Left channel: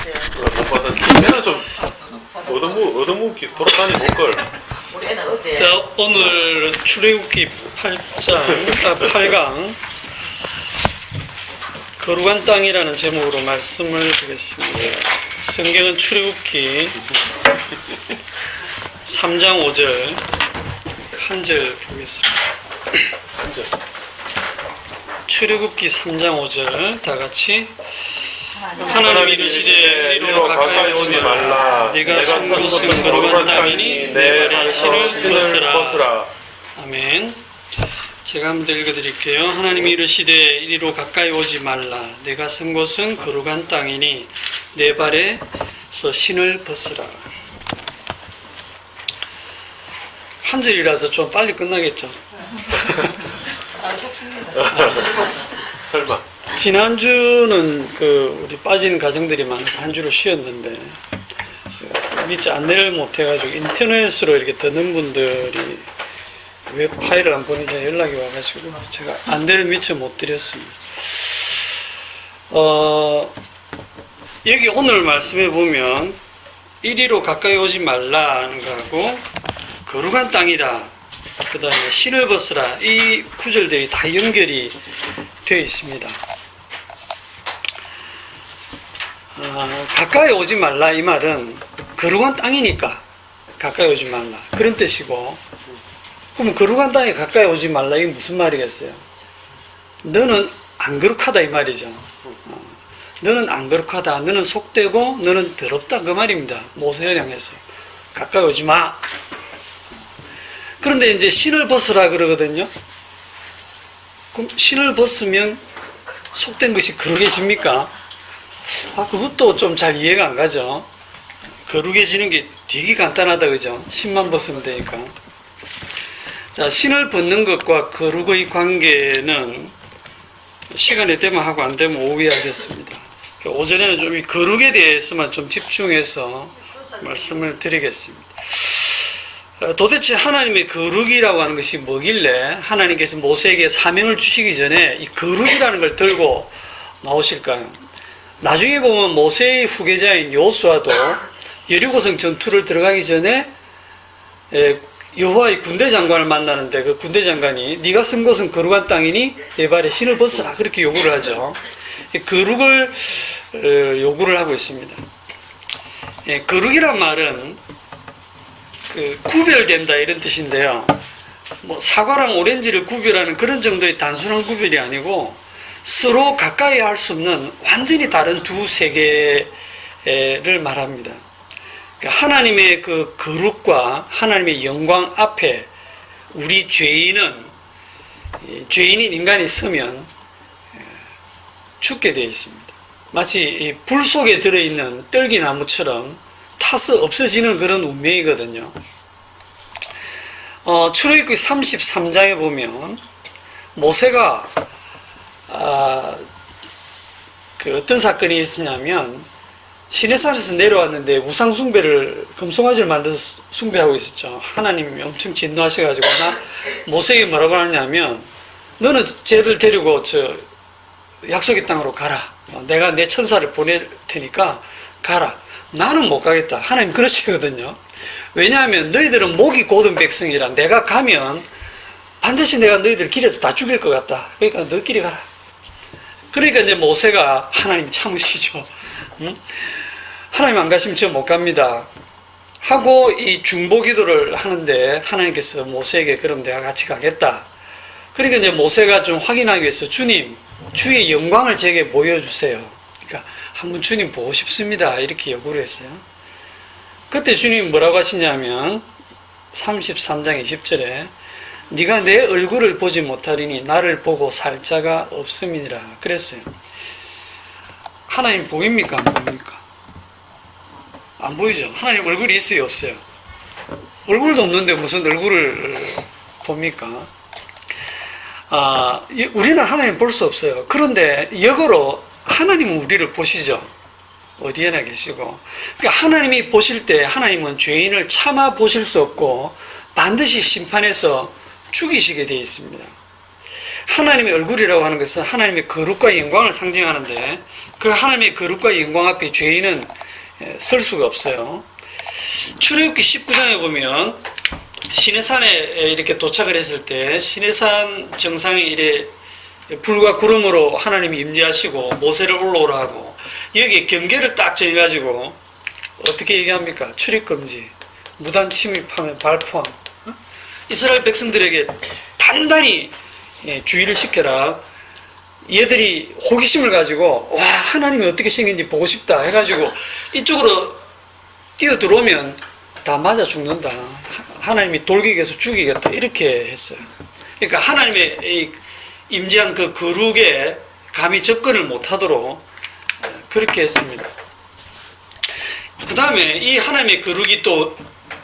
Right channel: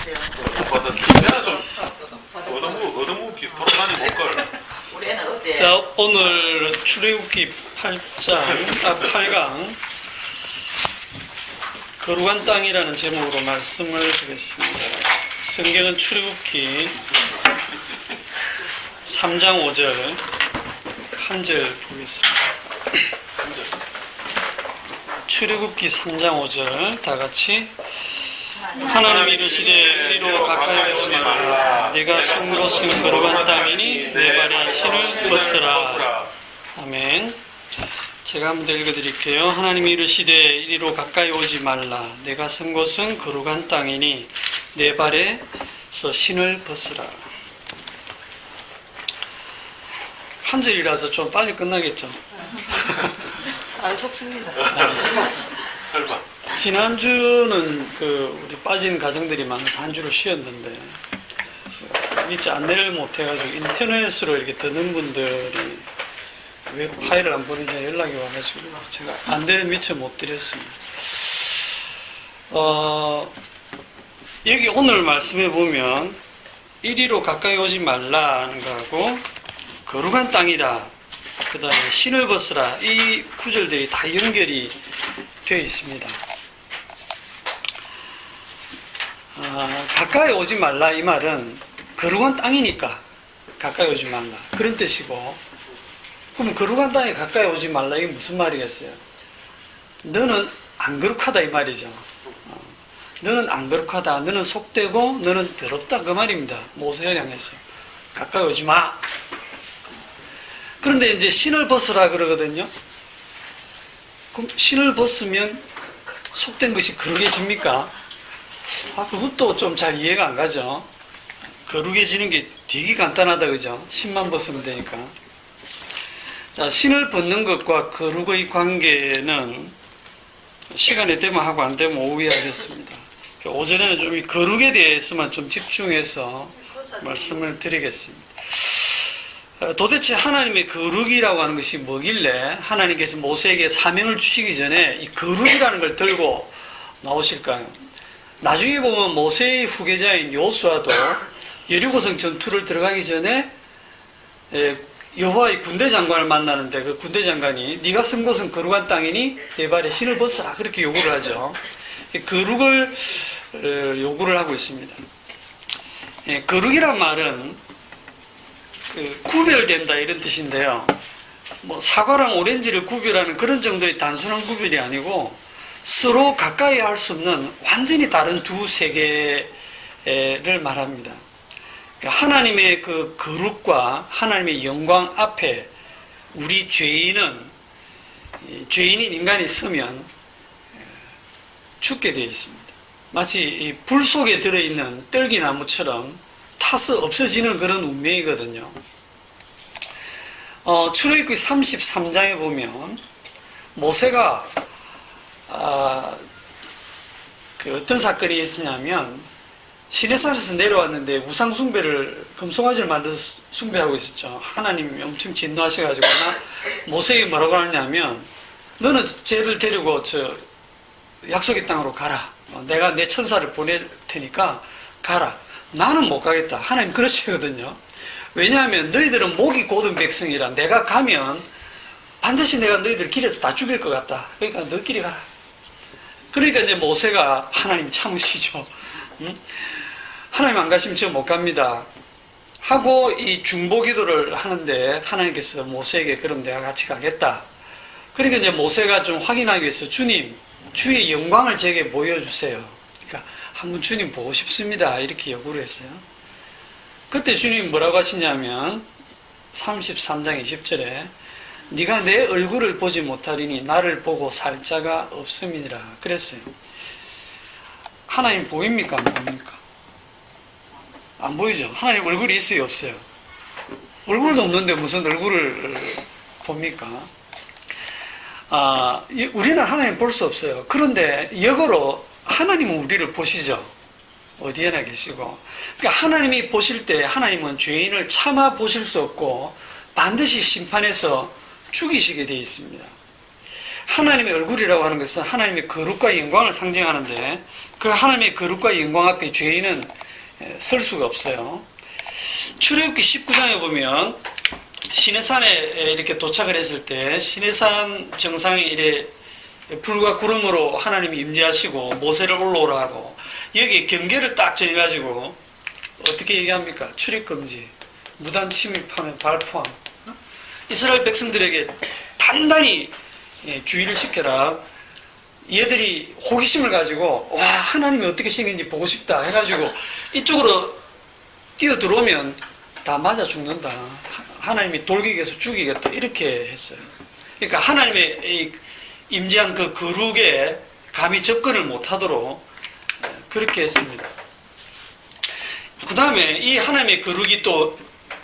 받았어요. 못 받았지. 얘는 좀 얻어먹기 돌아다니 볼걸. 우리 애는 어제 자, 오늘 출애굽기 8강 거룩한 땅이라는 제목으로 말씀을 드리겠습니다. 성경은 출애굽기 3장 5절 한 절 보겠습니다. 출애굽기 3장 5절 다 같이 하나님 이르시되 이리로 가까이 오지 말라. 네가 선 곳은 거룩한 땅이니 내 발에 신을 벗으라. 아멘. 제가 한번 읽어드릴게요. 하나님 이르시되 이리로 가까이 오지 말라. 내가 선 곳은 거룩한 땅이니 내 발에서 신을 벗으라. 한 절이라서 좀 빨리 끝나겠죠. 속습니다. 설마. 지난주는 우리 빠진 가정들이 많아서 한 주를 쉬었는데 미처 안내를 못해가지고 인터넷으로 이렇게 듣는 분들이 왜 파일을 안 보내냐 연락이 와가지고 제가 안내를 미처 못 드렸습니다. 여기 오늘 말씀해 보면 이리로 가까이 오지 말라는 거하고 거룩한 땅이다, 그 다음에 신을 벗으라, 이 구절들이 다 연결이 되어 있습니다. 가까이 오지 말라 이 말은 거룩한 땅이니까 가까이 오지 말라 그런 뜻이고, 그럼 거룩한 땅에 가까이 오지 말라 이게 무슨 말이겠어요? 너는 안 거룩하다 이 말이죠. 너는 안 거룩하다, 너는 속되고 너는 더럽다 그 말입니다. 모세를 향해서 가까이 오지 마. 그런데 이제 신을 벗으라 그러거든요. 그럼 신을 벗으면 속된 것이 거룩해집니까? 그것도 좀 잘 이해가 안 가죠. 거룩해지는 게 되게 간단하다, 그죠? 신만 벗으면 되니까. 자, 신을 벗는 것과 거룩의 관계는 시간이 되면 하고 안 되면 오후에 하겠습니다. 오전에는 좀 이 거룩에 대해서만 좀 집중해서 말씀을 드리겠습니다. 도대체 하나님의 거룩이라고 하는 것이 뭐길래 하나님께서 모세에게 사명을 주시기 전에 이 거룩이라는 걸 들고 나오실까요? 나중에 보면 모세의 후계자인 여호수아도 여리고성 전투를 들어가기 전에 여호와의 군대 장관을 만나는데 그 군대 장관이 네가 쓴 곳은 거룩한 땅이니 내 발에 신을 벗으라 그렇게 요구를 하죠. 거룩을 요구를 하고 있습니다. 거룩이란 말은 구별된다 이런 뜻인데요. 뭐 사과랑 오렌지를 구별하는 그런 정도의 단순한 구별이 아니고 서로 가까이 할 수 없는 완전히 다른 두 세계를 말합니다. 하나님의 그 거룩과 하나님의 영광 앞에 우리 죄인인 인간이 서면 죽게 되어 있습니다. 마치 불 속에 들어있는 떨기나무처럼 타서 없어지는 그런 운명이거든요. 출애굽기 33장에 보면 모세가 어떤 사건이 있었냐면 시내산에서 내려왔는데 우상 숭배를 금송아지를 만들어서 숭배하고 있었죠. 하나님이 엄청 진노하셔가지고 모세에게 뭐라고 하냐면 너는 쟤를 데리고 저 약속의 땅으로 가라. 내가 내 천사를 보낼 테니까 가라. 나는 못 가겠다. 하나님 그러시거든요. 왜냐하면 너희들은 목이 곧은 백성이라 내가 가면 반드시 내가 너희들 길에서 다 죽일 것 같다. 그러니까 너희끼리 가라. 그러니까 이제 모세가 하나님 참으시죠. 하나님 안 가시면 저 못 갑니다. 하고 이 중보 기도를 하는데 하나님께서 모세에게 그럼 내가 같이 가겠다. 그러니까 이제 모세가 좀 확인하기 위해서 주님, 주의 영광을 제게 보여주세요. 그러니까 한번 주님 보고 싶습니다. 이렇게 요구를 했어요. 그때 주님이 뭐라고 하시냐면 33장 20절에 네가 내 얼굴을 보지 못하리니 나를 보고 살 자가 없음이니라 그랬어요. 하나님 보입니까? 안 보입니까? 안 보이죠? 하나님 얼굴이 있어요? 없어요? 얼굴도 없는데 무슨 얼굴을 봅니까? 우리는 하나님 볼 수 없어요. 그런데 역으로 하나님은 우리를 보시죠. 어디에나 계시고. 그러니까 하나님이 보실 때 하나님은 죄인을 차마 보실 수 없고 반드시 심판해서 죽이시게 되어 있습니다. 하나님의 얼굴이라고 하는 것은 하나님의 거룩과 영광을 상징하는데 그 하나님의 거룩과 영광 앞에 죄인은 설 수가 없어요. 출애굽기 19장에 보면 시내산에 이렇게 도착을 했을 때 시내산 정상에 이래 불과 구름으로 하나님이 임재하시고 모세를 올라오라 하고 여기에 경계를 딱 정해가지고 어떻게 얘기합니까? 출입금지, 무단 침입하면 발포함. 이스라엘 백성들에게 단단히 주의를 시켜라. 얘들이 호기심을 가지고 와 하나님이 어떻게 생긴지 보고 싶다 해가지고 이쪽으로 뛰어들어오면 다 맞아 죽는다. 하나님이 돌격해서 죽이겠다 이렇게 했어요. 그러니까 하나님의 이 임재한 그 거룩에 감히 접근을 못하도록 그렇게 했습니다. 그 다음에 이 하나님의 거룩이 또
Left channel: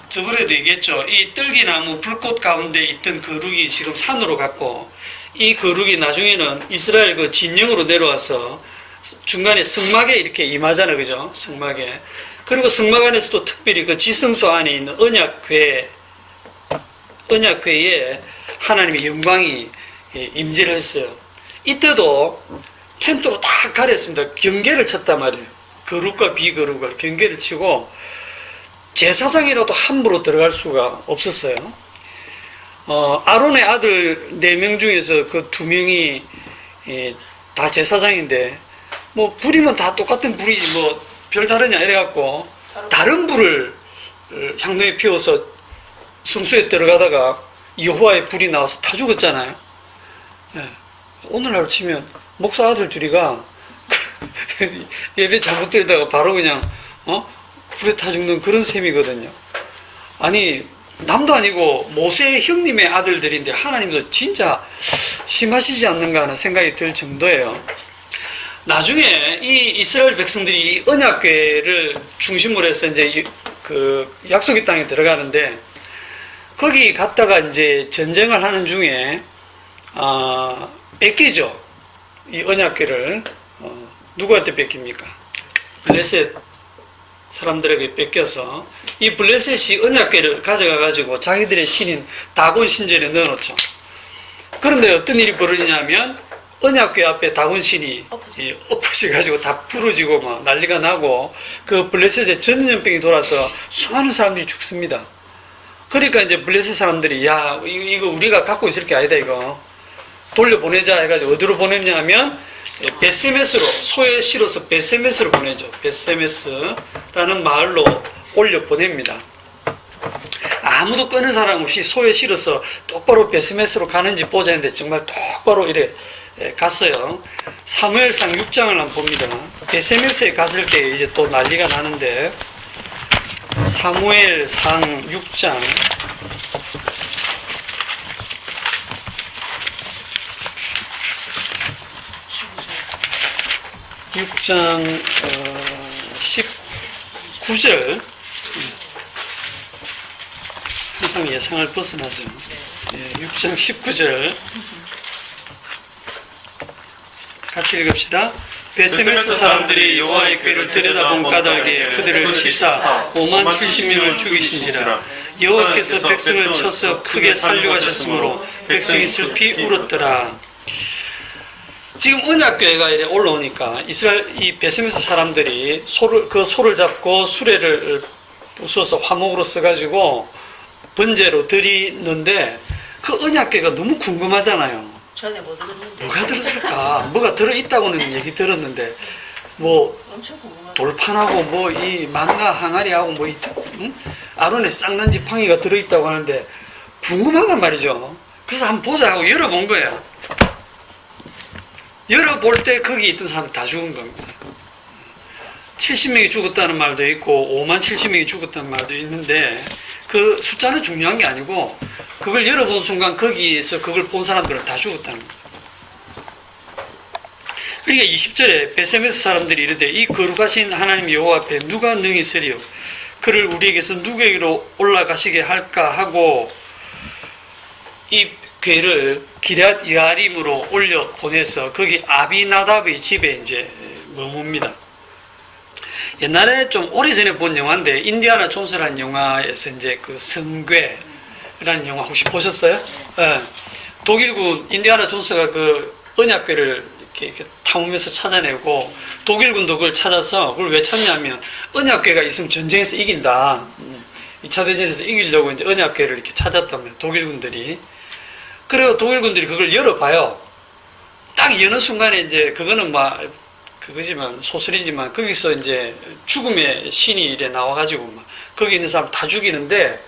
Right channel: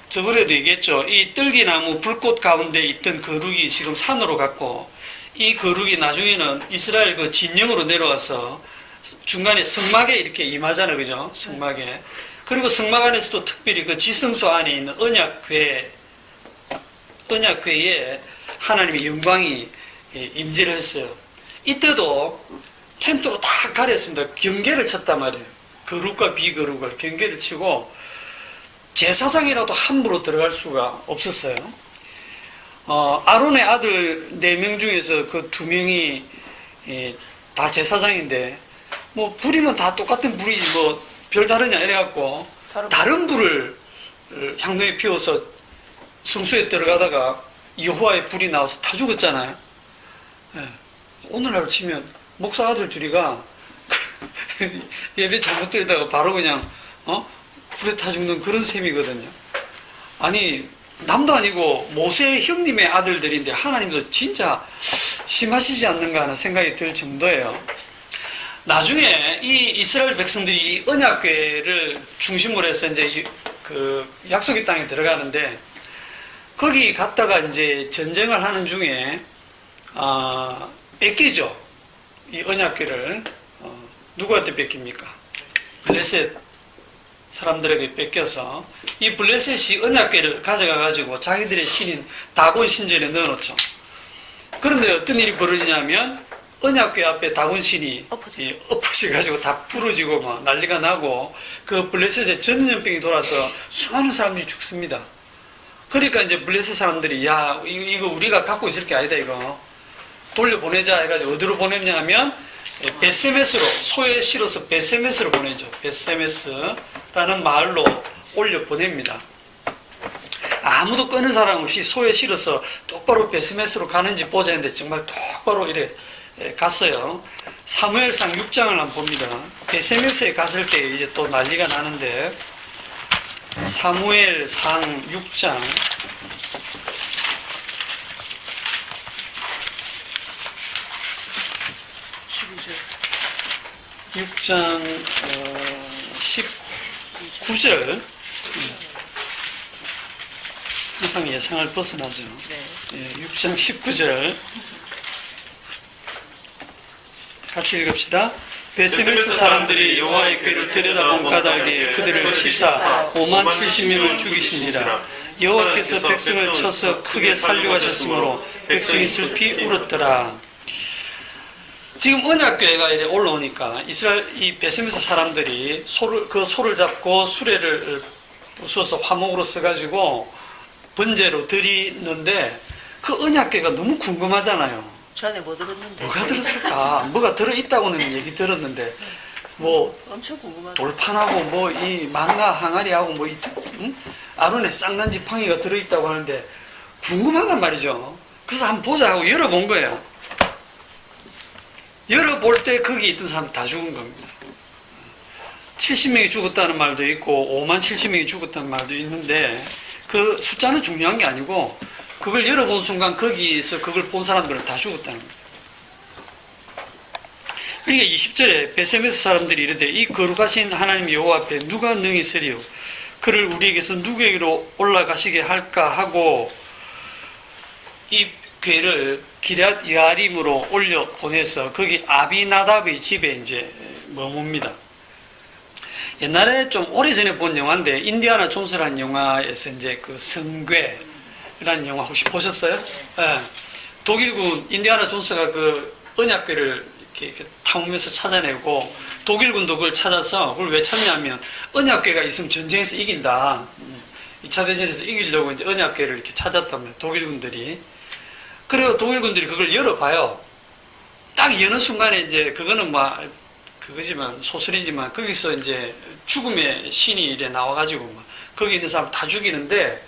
저번에도 얘기했죠. 이 떨기나무 불꽃 가운데 있던 거룩이 지금 산으로 갔고 이 거룩이 나중에는 이스라엘 그 진영으로 내려와서 중간에 성막에 이렇게 임하잖아요. 그죠? 성막에. 그리고 성막 안에서도 특별히 그 지성소 안에 있는 언약궤에 하나님의 영광이 임재를 했어요. 이때도 텐트로 다 가렸습니다. 경계를 쳤단 말이에요. 거룩과 비거룩을 경계를 치고 제사장이라도 함부로 들어갈 수가 없었어요. 아론의 아들 4명 중에서 그 2명이 다 제사장인데 뭐 불이면 다 똑같은 불이지 뭐 별다르냐 이래갖고 다른 불을 향로에 피워서 성소에 들어가다가 여호와의 불이 나와서 다 죽었잖아요. 오늘날 치면 목사 아들 둘이가 예배 잘못 드리다가 바로 그냥 불에 타 죽는 그런 셈이거든요. 아니 남도 아니고 모세의 형님의 아들들인데 하나님도 진짜 심하시지 않는가 하는 생각이 들 정도예요. 나중에 이 이스라엘 백성들이 언약궤를 중심으로 해서 이제 그 약속의 땅에 들어가는데 거기 갔다가 이제 전쟁을 하는 중에 뺏기죠. 이 언약궤를 누구한테 뺏깁니까? 블레셋 사람들에게 뺏겨서 이 블레셋이 언약궤를 가져가 가지고 자기들의 신인 다곤 신전에 넣어놓죠. 그런데 어떤 일이 벌어지냐면 언약궤 앞에 다곤 신이 엎어져가지고 다 부러지고 막 난리가 나고 그 블레셋에 전염병이 돌아서 수많은 사람들이 죽습니다. 그러니까 이제 블레셋 사람들이 야 이거 우리가 갖고 있을 게 아니다 이거 돌려보내자 해가지고 어디로 보냈냐 하면 베세메스로 소에 실어서 베세메스로 보내죠. 베세메스라는 마을로 올려 보냅니다. 아무도 끄는 사람 없이 소에 실어서 똑바로 베세메스로 가는지 보자 했는데 정말 똑바로 이래 갔어요. 사무엘상 6장을 한번 봅니다. 베세메스에 갔을 때 이제 또 난리가 나는데 사무엘상 6장 6장 19절 항상 예상을 벗어나죠. 6장 19절 같이 읽읍시다. 베세메스 사람들이 여호와의 궤를 들여다본 까닭에 그들을 치사 5만 70명을 죽이시니라. 여호와께서 백성을 쳐서 크게 살려가셨으므로 백성이 슬피 울었더라. 지금 언약궤가 이래 올라오니까 이스라엘 이 베세메스 사람들이 소를 잡고 수레를 부숴서 화목으로 써가지고 번제로 드리는데 그 언약궤가 너무 궁금하잖아요. 전에 뭐 들었는데 뭐가 들었을까? 뭐가 들어있다고는 얘기 들었는데 뭐 엄청 궁금하다. 돌판하고 뭐 이 망가 항아리하고 뭐 아론의 쌍난 지팡이가 들어있다고 하는데 궁금한단 말이죠. 그래서 한번 보자 하고 열어본 거예요. 열어볼 때 거기 있던 사람 다 죽은 겁니다. 70명이 죽었다는 말도 있고 5만 70명이 죽었다는 말도 있는데 그 숫자는 중요한 게 아니고 그걸 열어본 순간 거기에서 그걸 본 사람들은 다 죽었다는 겁니다. 그러니까 20절에 베세메스 사람들이 이르되 이 거룩하신 하나님 여호와 앞에 누가 능히 서리요 그를 우리에게서 누구에게로 올라가시게 할까 하고 이 궤를 기럇 여아림으로 올려 보내서 거기 아비나답의 집에 이제 머뭅니다. 옛날에 좀 오래전에 본 영화인데 인디아나 존스라는 영화에서 이제 그 성궤라는 영화 혹시 보셨어요? 네. 독일군 인디아나 존스가 그 언약궤를 이렇게 탐험해서 찾아내고 독일군도 그걸 찾아서 그걸 왜 찾냐면 언약궤가 있으면 전쟁에서 이긴다. 2차 대전에서 이기려고 이제 언약궤를 이렇게 찾았다면 독일군들이. 그리고 독일군들이 그걸 열어봐요. 딱 여는 순간에 이제 그거는 막 그거지만 소설이지만 거기서 이제 죽음의 신이 이래 나와가지고 막 거기 있는 사람 다 죽이는데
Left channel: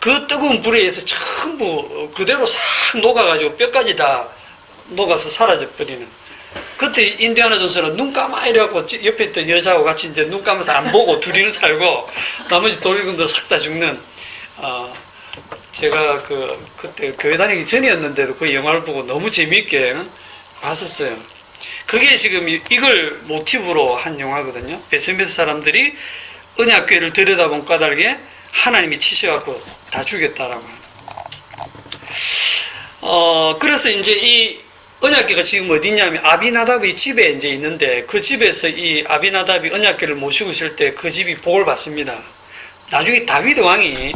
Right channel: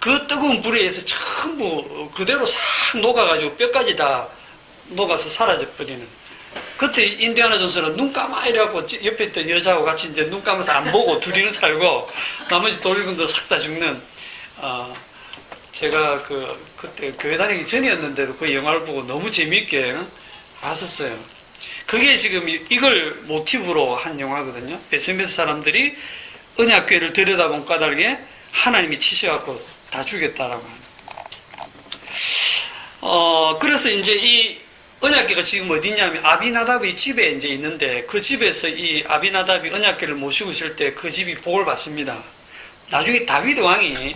그 뜨거운 불에 의해서 전부 그대로 싹 녹아가지고 뼈까지 다 녹아서 사라져버리는. 그때 인디아나 존스는 눈 감아 이래갖고 옆에 있던 여자하고 같이 이제 눈 감아서 안 보고 둘이는 살고 나머지 독일군들 싹 다 죽는. 제가 그때 교회 다니기 전이었는데도 그 영화를 보고 너무 재미있게 봤었어요. 그게 지금 이걸 모티브로 한 영화거든요. 베스메스 사람들이 언약궤를 들여다본 까닭에 하나님이 치셔갖고 다 죽였다라고 하는. 그래서 이제 이 언약궤가 지금 어디 있냐면 아비나답의 집에 이제 있는데 그 집에서 이 아비나답이 언약궤를 모시고 있을 때 그 집이 복을 받습니다. 나중에 다윗 왕이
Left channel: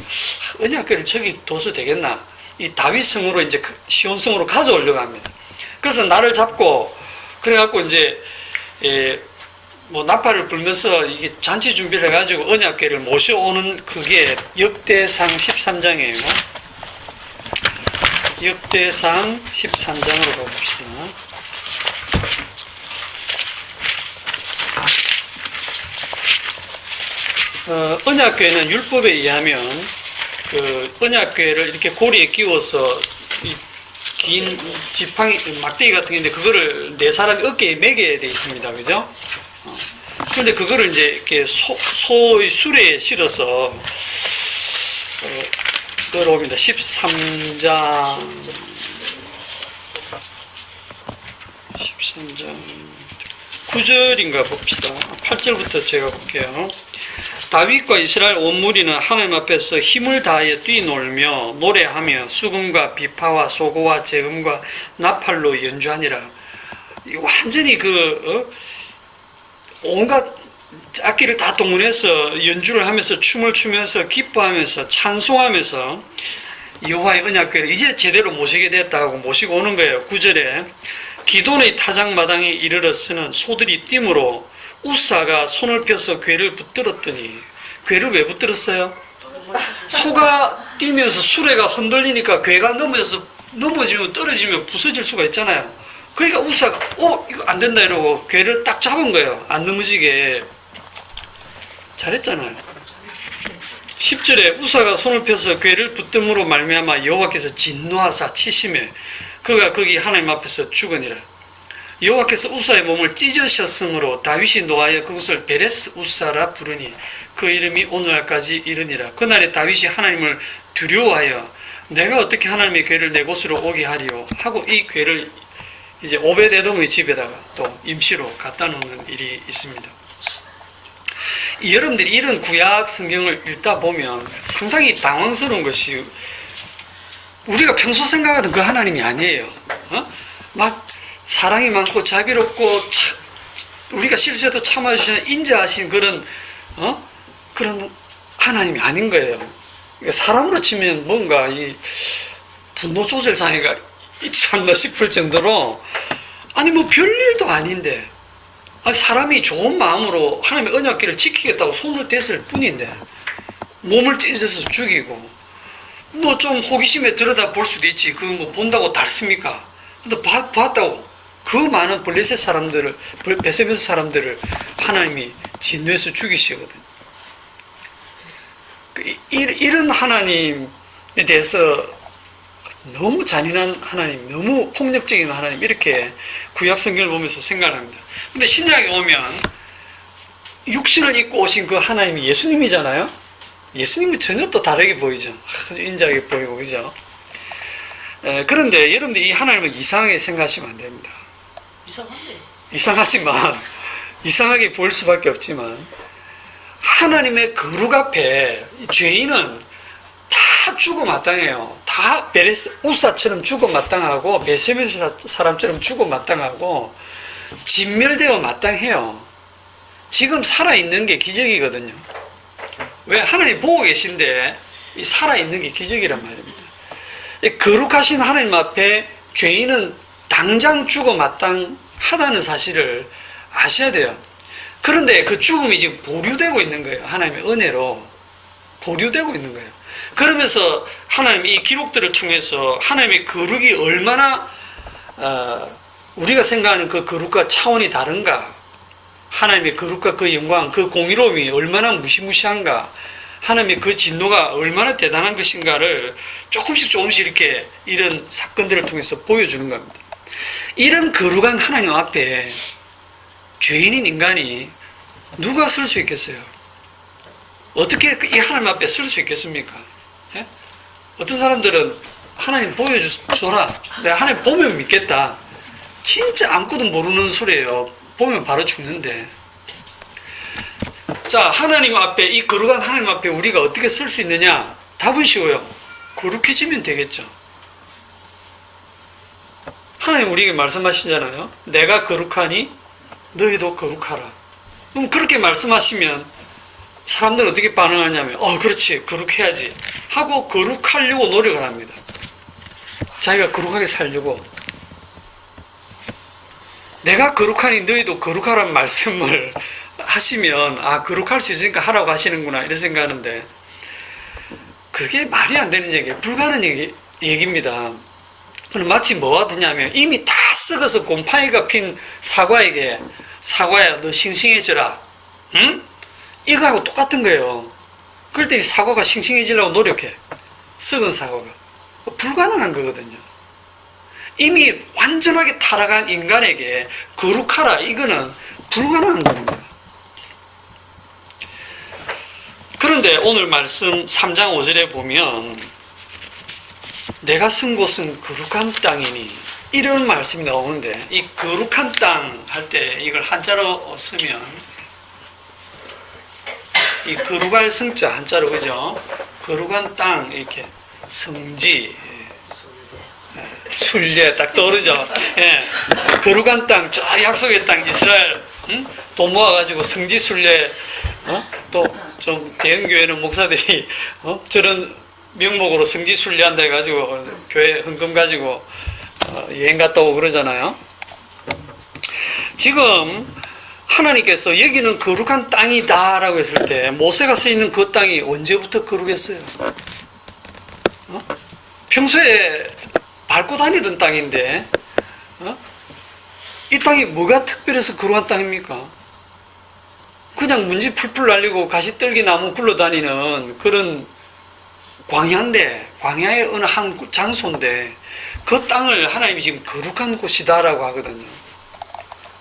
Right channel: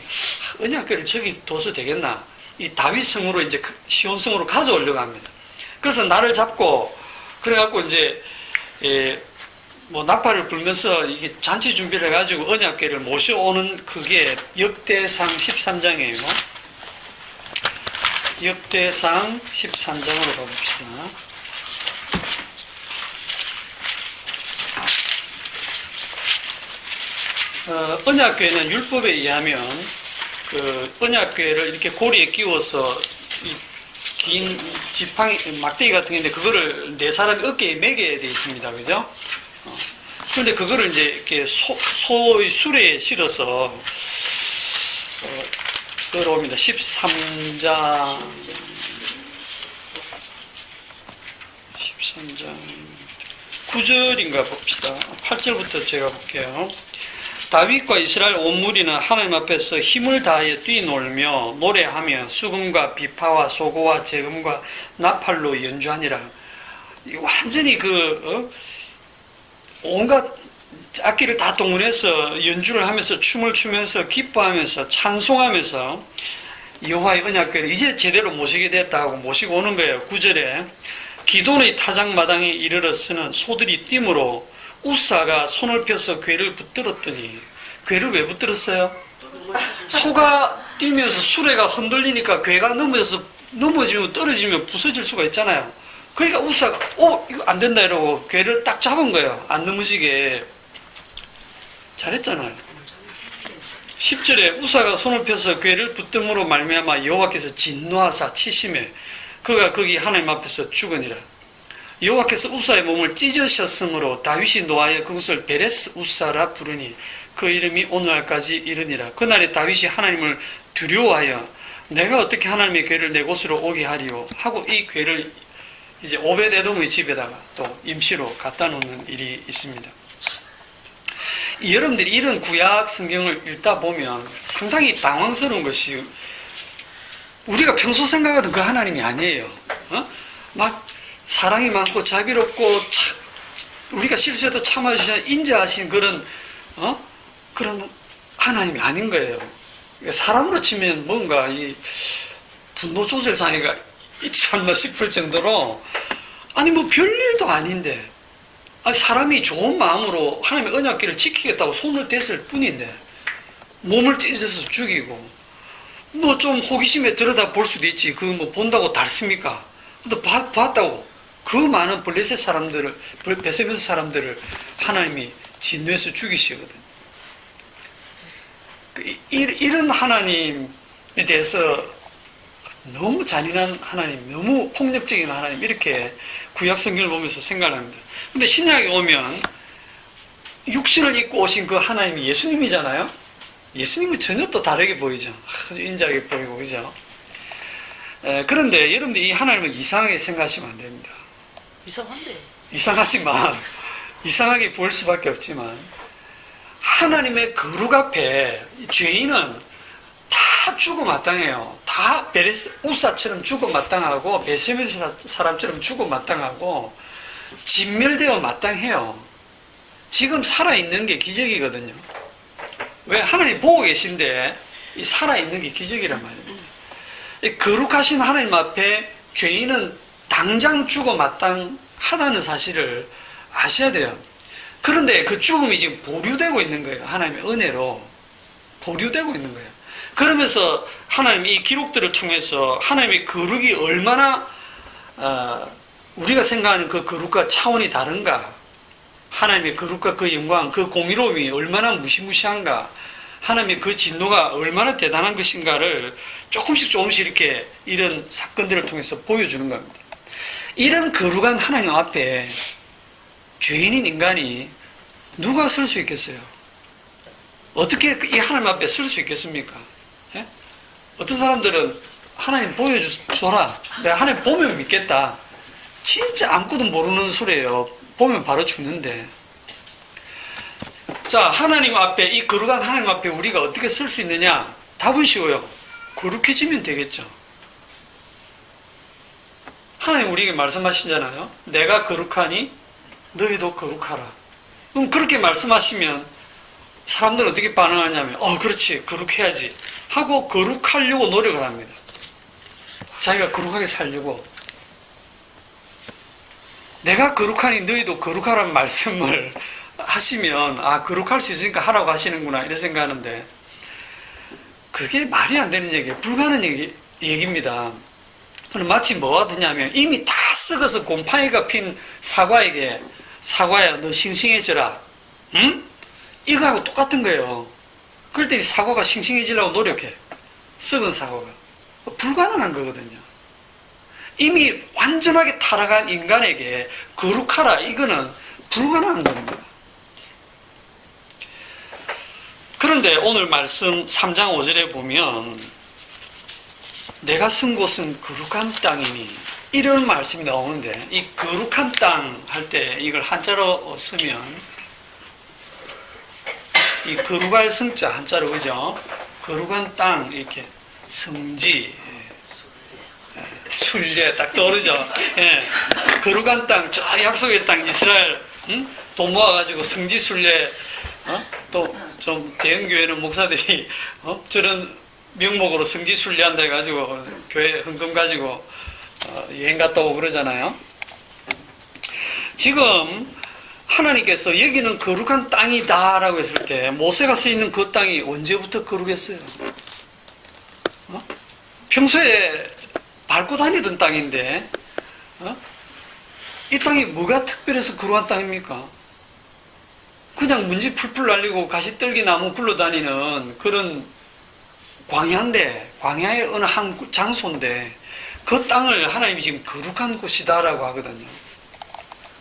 언약궤를 저기 둬서 되겠나? 이 다윗 성으로 이제 시온 성으로 가져오려고 합니다. 그래서 나를 잡고 그래갖고 이제 뭐 나팔을 불면서 이게 잔치 준비를 해가지고 언약궤를 모셔오는 그게 역대상 13장이에요. 역대상 13장으로 가봅시다. 언약궤는 율법에 의하면 그 언약궤를 이렇게 고리에 끼워서 이 긴 지팡이 막대기 같은 게 있는데 그거를 네 사람이 어깨에 매게 돼 있습니다, 그죠? 그런데 그거를 이제 이렇게 소의 수레에 실어서 끌어옵니다. 13장 9절인가 봅시다. 8절부터 제가 볼게요. 다윗과 이스라엘 온 무리는 하나님 앞에서 힘을 다하여 뛰놀며 노래하며 수금과 비파와 소고와 재금과 나팔로 연주하니라. 완전히 온갖 악기를 다 동원해서 연주를 하면서 춤을 추면서 기뻐하면서 찬송하면서 여호와의 언약궤를 이제 제대로 모시게 됐다고 모시고 오는 거예요. 9절에 기돈의 타작마당에 이르렀으는 소들이 뛰므로 우사가 손을 펴서 궤를 붙들었더니. 궤를 왜 붙들었어요? 소가 뛰면서 수레가 흔들리니까 궤가 넘어지면 떨어지면 부서질 수가 있잖아요. 그러니까 우사가 이거 안 된다 이러고 궤를 딱 잡은 거예요. 안 넘어지게. 잘했잖아요. 10절에 우사가 손을 펴서 궤를 붙듦으로 말미암아 여호와께서 진노하사 치심에 그가 거기 하나님 앞에서 죽으니라. 여호와께서 우사의 몸을 찢으셨으므로 다윗이 노하여 그것을 베레스 우사라 부르니 그 이름이 오늘날까지 이르니라. 그날에 다윗이 하나님을 두려워하여 내가 어떻게 하나님의 궤를 내 곳으로 오게 하리요 하고 이 궤를 이제 오벳에돔의 집에다가 또 임시로 갖다 놓는 일이 있습니다. 여러분들이 이런 구약 성경을 읽다 보면 상당히 당황스러운 것이 우리가 평소 생각하는 그 하나님이 아니에요. 막 사랑이 많고 자비롭고 우리가 실수해도 참아주시는 인자하신 그런 하나님이 아닌 거예요. 사람으로 치면 뭔가 이 분노 조절 장애가 있지 않나 싶을 정도로 아니 뭐 별일도 아닌데 사람이 좋은 마음으로 하나님의 언약궤를 지키겠다고 손을 댔을 뿐인데 몸을 찢어서 죽이고 뭐 좀 호기심에 들여다 볼 수도 있지. 그거 뭐 본다고 닳습니까? 근데 봤다고 그 많은 블레셋 사람들을 베세메스 사람들을 하나님이 진노해서 죽이시거든. 이런 하나님에 대해서 너무 잔인한 하나님, 너무 폭력적인 하나님 이렇게 구약 성경을 보면서 생각합니다. 근데 신약에 오면 육신을 입고 오신 그 하나님이 예수님이잖아요. 예수님은 전혀 또 다르게 보이죠. 아주 인자하게 보이고 그죠. 그런데 여러분들이 이 하나님을 이상하게 생각하시면 안 됩니다. 이상한데. 이상하지만 이상하게 보일 수밖에 없지만 하나님의 거룩 앞에 죄인은 다 죽어마땅해요. 다 베레스 우사처럼 죽어마땅하고 베세메스 사람처럼 죽어마땅하고 진멸되어 마땅해요. 지금 살아있는 게 기적이거든요. 왜? 하나님 보고 계신데 이 살아있는 게 기적이란 말입니다. 이 거룩하신 하나님 앞에 죄인은 당장 죽어 마땅하다는 사실을 아셔야 돼요. 그런데 그 죽음이 지금 보류되고 있는 거예요. 하나님의 은혜로 보류되고 있는 거예요. 그러면서 하나님이 이 기록들을 통해서 하나님의 거룩이 얼마나 우리가 생각하는 그 거룩과 차원이 다른가, 하나님의 거룩과 그 영광, 그 공의로움이 얼마나 무시무시한가, 하나님의 그 진노가 얼마나 대단한 것인가를 조금씩 이렇게 이런 사건들을 통해서 보여주는 겁니다. 이런 거룩한 하나님 앞에 죄인인 인간이 누가 설 수 있겠어요? 어떻게 이 하나님 앞에 설 수 있겠습니까? 예? 어떤 사람들은 하나님 보여줘라, 내가 하나님 보면 믿겠다. 진짜 아무것도 모르는 소리예요. 보면 바로 죽는데. 자, 하나님 앞에, 이 거룩한 하나님 앞에 우리가 어떻게 설 수 있느냐? 답은 쉬워요. 거룩해지면 되겠죠. 하나님 우리에게 말씀하시잖아요. 내가 거룩하니 너희도 거룩하라. 그럼 그렇게 말씀하시면 사람들은 어떻게 반응하냐면, 그렇지, 거룩해야지 하고 거룩하려고 노력을 합니다. 자기가 거룩하게 살려고. 내가 거룩하니 너희도 거룩하라는 말씀을 하시면, 거룩할 수 있으니까 하라고 하시는구나 이런 생각하는데, 그게 말이 안 되는 얘기예요. 불가능한 얘기입니다. 마치 뭐와 같으냐면, 이미 다 썩어서 곰팡이가 핀 사과에게, 사과야 너 싱싱해져라, 응? 이거하고 똑같은 거예요. 그럴 때 사과가 싱싱해지려고 노력해. 썩은 사과가. 불가능한 거거든요. 이미 완전하게 타락한 인간에게 거룩하라, 이거는 불가능한 겁니다. 그런데 오늘 말씀 3장 5절에 보면, 내가 쓴 곳은 거룩한 땅이니, 이런 말씀이 나오는데, 이 거룩한 땅 할 때 이걸 한자로 쓰면, 이 거룩할 성자 한자로, 그죠? 거룩한 땅, 이렇게 성지, 순례 딱 떠오르죠? 예. 거룩한 땅, 저 약속의 땅, 이스라엘, 돈 모아가지고 성지 순례, 또 좀 대형교회는 목사들이, 저런 명목으로 성지 순례한다 해가지고, 교회 헌금 가지고, 여행 갔다 오고 그러잖아요. 지금, 하나님께서 여기는 거룩한 땅이다라고 했을 때, 모세가 서 있는 그 땅이 언제부터 거룩했어요? 평소에 밟고 다니던 땅인데, 이 땅이 뭐가 특별해서 거룩한 땅입니까? 그냥 문지 풀풀 날리고 가시떨기 나무 굴러다니는 그런 광야인데, 광야의 어느 한 장소인데, 그 땅을 하나님이 지금 거룩한 곳이다라고 하거든요.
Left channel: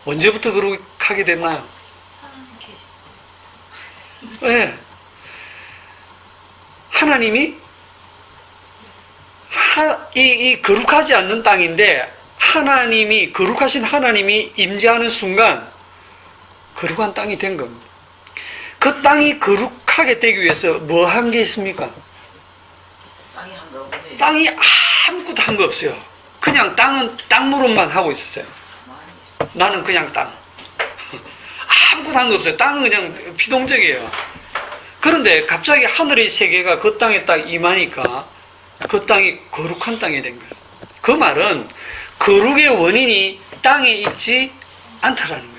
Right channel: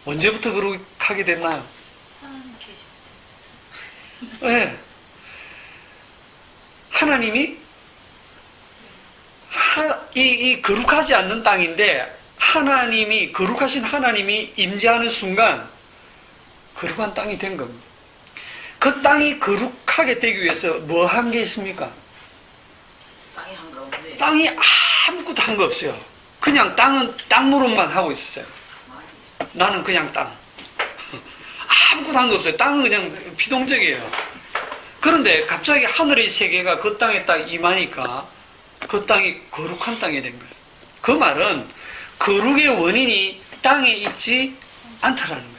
언제부터 거룩하게 됐나요? 하나님 계실 때. 네. 하나님이 이 거룩하지 않는 땅인데, 하나님이, 거룩하신 하나님이 임재하는 순간 거룩한 땅이 된 겁니다. 그 땅이 거룩하게 되기 위해서 뭐 한 게 있습니까? 땅이 한 거 없는데. 땅이 아무것도 한 거 없어요. 그냥 땅은 땅 노릇만 하고 있었어요. 나는 그냥 땅. 아무것도 한 거 없어요. 땅은 그냥 피동적이에요. 그런데 갑자기 하늘의 세계가 그 땅에 딱 임하니까 그 땅이 거룩한 땅이 된 거예요. 그 말은 거룩의 원인이 땅에 있지 않다라는 거예요.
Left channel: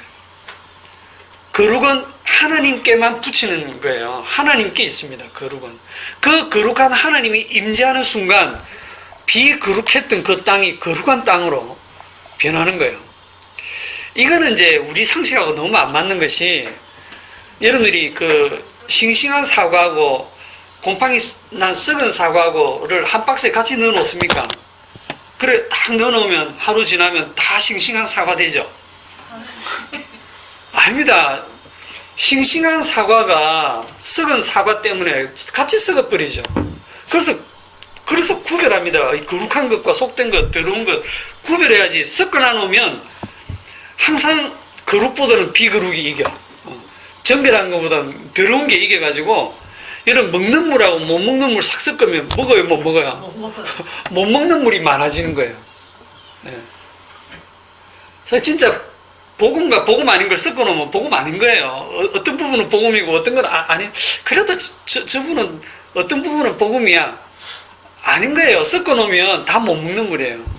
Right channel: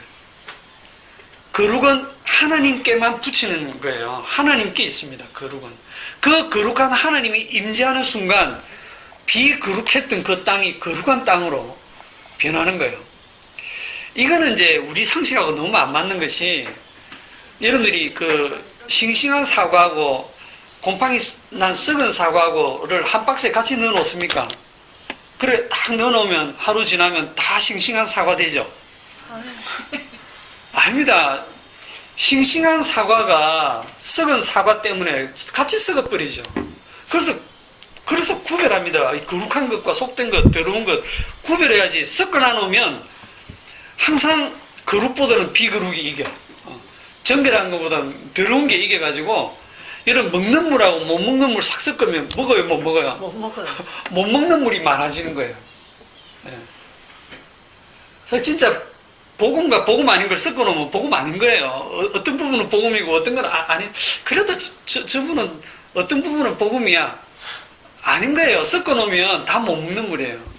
거룩은 하나님께만 붙이는 거예요. 하나님께 있습니다. 거룩은. 그 거룩한 하나님이 임재하는 순간 비거룩했던 그 땅이 거룩한 땅으로 변하는 거예요. 이거는 이제 우리 상식하고 너무 안 맞는 것이, 여러분들이 그 싱싱한 사과하고 곰팡이 난 썩은 사과하고를 한 박스에 같이 넣어 놓습니까? 그래 딱 넣어 놓으면 하루 지나면 다 싱싱한 사과 되죠? 아닙니다. 싱싱한 사과가 썩은 사과 때문에 같이 썩어버리죠. 그래서 구별합니다. 거룩한 것과 속된 것, 더러운 것 구별해야지. 섞어놔 놓으면 항상 거룩보다는 비거룩이 이겨. 정결한 것보다는 더러운 게 이겨가지고, 여러분 먹는 물하고 못 먹는 물 싹 섞으면 먹어요, 못 먹어요? 못 먹는 물이 많아지는 거예요. 네. 그래서 진짜 복음과 복음 아닌 걸 섞어 놓으면 복음 아닌 거예요. 어떤 부분은 복음이고 어떤 건 아니. 그래도 저분은 어떤 부분은 복음이야. 아닌 거예요. 섞어 놓으면 다 못 먹는 물이에요.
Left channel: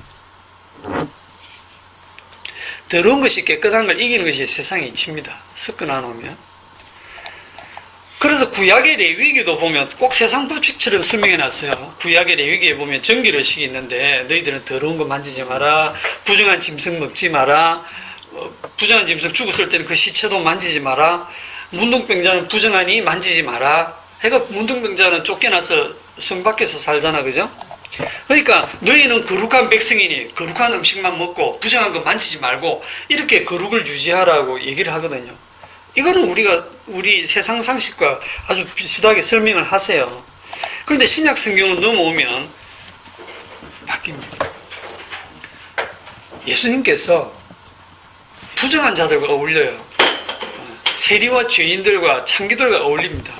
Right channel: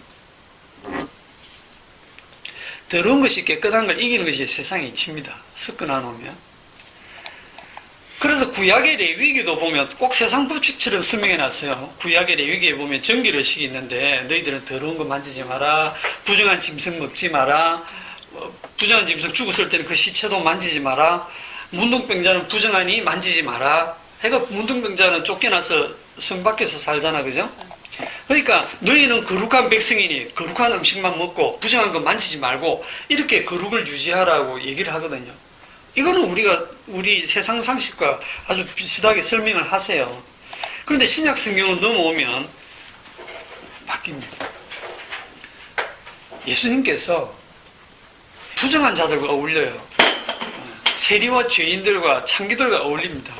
더러운 것이 깨끗한 걸 이기는 것이 세상의 이치입니다. 섞어 놔놓으면. 그래서 구약의 레위기도 보면 꼭 세상 법칙처럼 설명해 놨어요. 구약의 레위기에 보면 정결의식이 있는데 너희들은 더러운 거 만지지 마라. 부정한 짐승 먹지 마라. 부정한 짐승 죽었을 때는 그 시체도 만지지 마라. 문둥병자는 부정하니 만지지 마라. 그러니까 문둥병자는 쫓겨나서 성 밖에서 살잖아, 그죠? 그러니까 너희는 거룩한 백성이니 거룩한 음식만 먹고 부정한 거 만지지 말고 이렇게 거룩을 유지하라고 얘기를 하거든요. 이거는 우리 세상 상식과 아주 비슷하게 설명을 하세요. 그런데 신약 성경을 넘어오면 바뀝니다. 예수님께서 부정한 자들과 어울려요. 세리와 죄인들과 창기들과 어울립니다.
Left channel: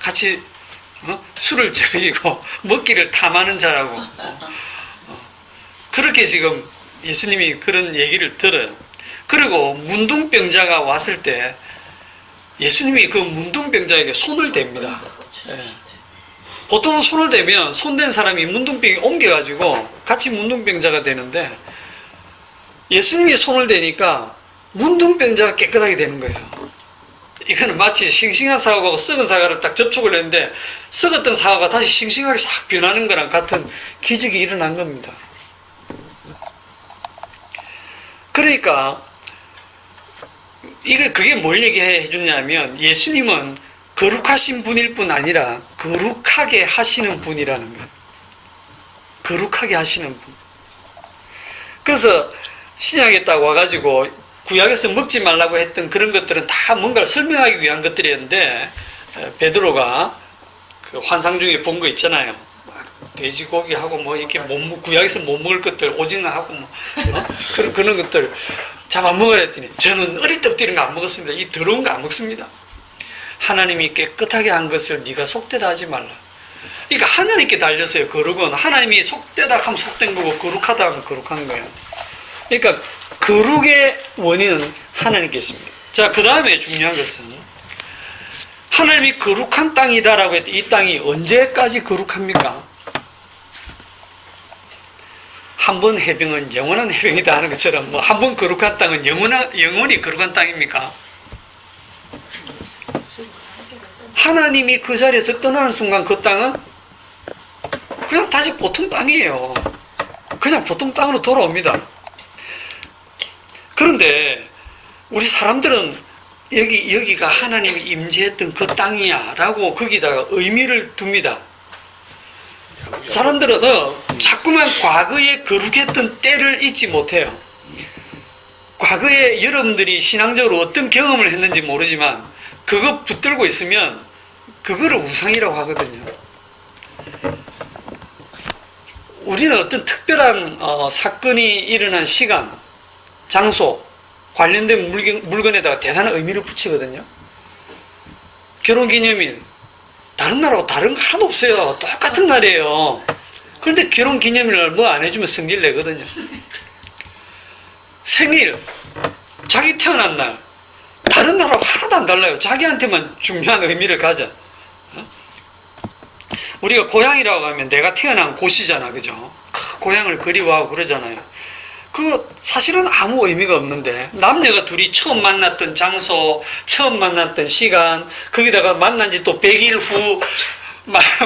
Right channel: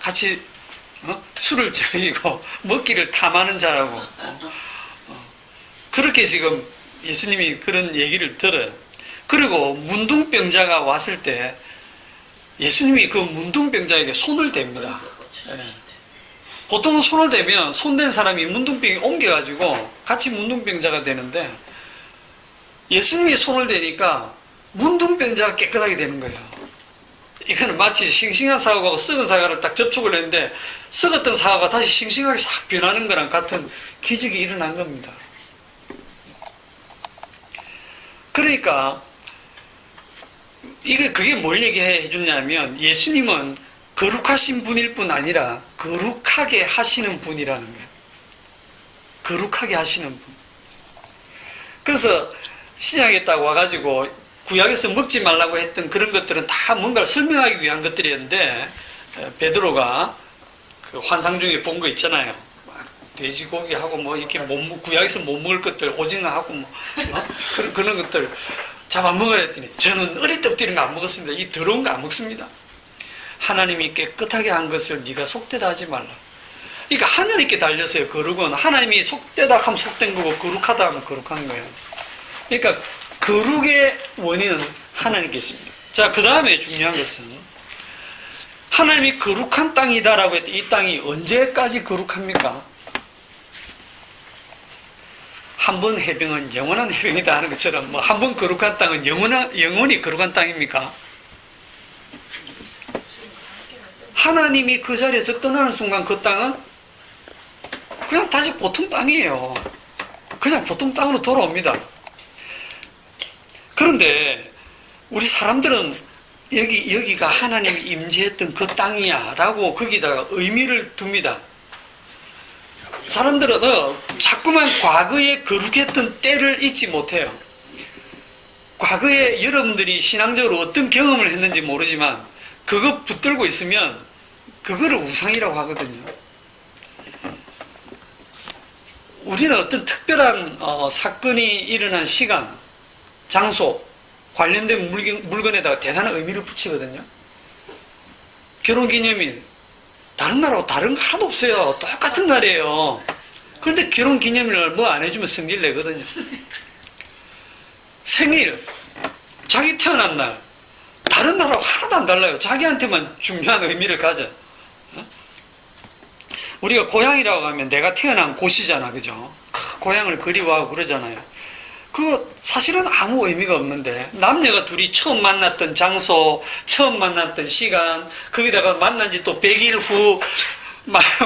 같이 술을 즐기고 먹기를 탐하는 자라고 그렇게 지금 예수님이 그런 얘기를 들어요. 그리고 문둥병자가 왔을 때 예수님이 그 문둥병자에게 손을 댑니다. 보통 손을 대면 손댄 사람이 문둥병이 옮겨가지고 같이 문둥병자가 되는데 예수님이 손을 대니까 문둥병자가 깨끗하게 되는 거예요. 이거는 마치 싱싱한 사과하고 썩은 사과를 딱 접촉을 했는데 썩었던 사과가 다시 싱싱하게 싹 변하는 거랑 같은 기적이 일어난 겁니다. 그러니까 그게 뭘 얘기해 주냐면 예수님은 거룩하신 분일 뿐 아니라 거룩하게 하시는 분이라는 거예요. 거룩하게 하시는 분. 그래서 신약에 딱 와가지고 구약에서 먹지 말라고 했던 그런 것들은 다 뭔가를 설명하기 위한 것들이었는데 베드로가 그 환상 중에 본 거 있잖아요. 돼지고기하고 뭐 이렇게 구약에서 못 먹을 것들 오징어하고 뭐 그런 것들 잡아 먹으라 했더니 저는 어릴 때부터 이런 거 안 먹었습니다. 이 더러운 거 안 먹습니다. 하나님이 깨끗하게 한 것을 네가 속되다 하지 말라. 그러니까 하나님께 달렸어요. 거룩은 하나님이 속되다 하면 속된 거고 거룩하다 하면 거룩한 거예요. 그러니까 거룩의 원인은 하나님께 있습니다. 자, 그 다음에 중요한 것은 하나님이 거룩한 땅이다라고 했더니 이 땅이 언제까지 거룩합니까? 한 번 해병은 영원한 해병이다 하는 것처럼 뭐 한 번 거룩한 땅은 영원히 거룩한 땅입니까? 하나님이 그 자리에서 떠나는 순간 그 땅은 그냥 다시 보통 땅이에요. 그냥 보통 땅으로 돌아옵니다. 그런데 우리 사람들은 여기가 하나님이 임재했던 그 땅이야 라고 거기다가 의미를 둡니다. 사람들은 자꾸만 과거에 거룩했던 때를 잊지 못해요. 과거에 여러분들이 신앙적으로 어떤 경험을 했는지 모르지만 그거 붙들고 있으면 그거를 우상이라고 하거든요. 우리는 어떤 특별한 사건이 일어난 시간, 장소, 관련된 물건에다가 대단한 의미를 붙이거든요. 결혼기념일, 다른 나라하고 다른 거 하나도 없어요. 똑같은 날이에요. 그런데 결혼기념일날 뭐 안 해주면 성질 내거든요. 생일, 자기 태어난 날, 다른 나라하고 하나도 안 달라요. 자기한테만 중요한 의미를 가져. 우리가 고향이라고 하면 내가 태어난 곳이잖아, 그죠? 고향을 그리워하고 그러잖아요. 그 사실은 아무 의미가 없는데 남녀가 둘이 처음 만났던 장소, 처음 만났던 시간, 거기다가 만난 지 또 100일 후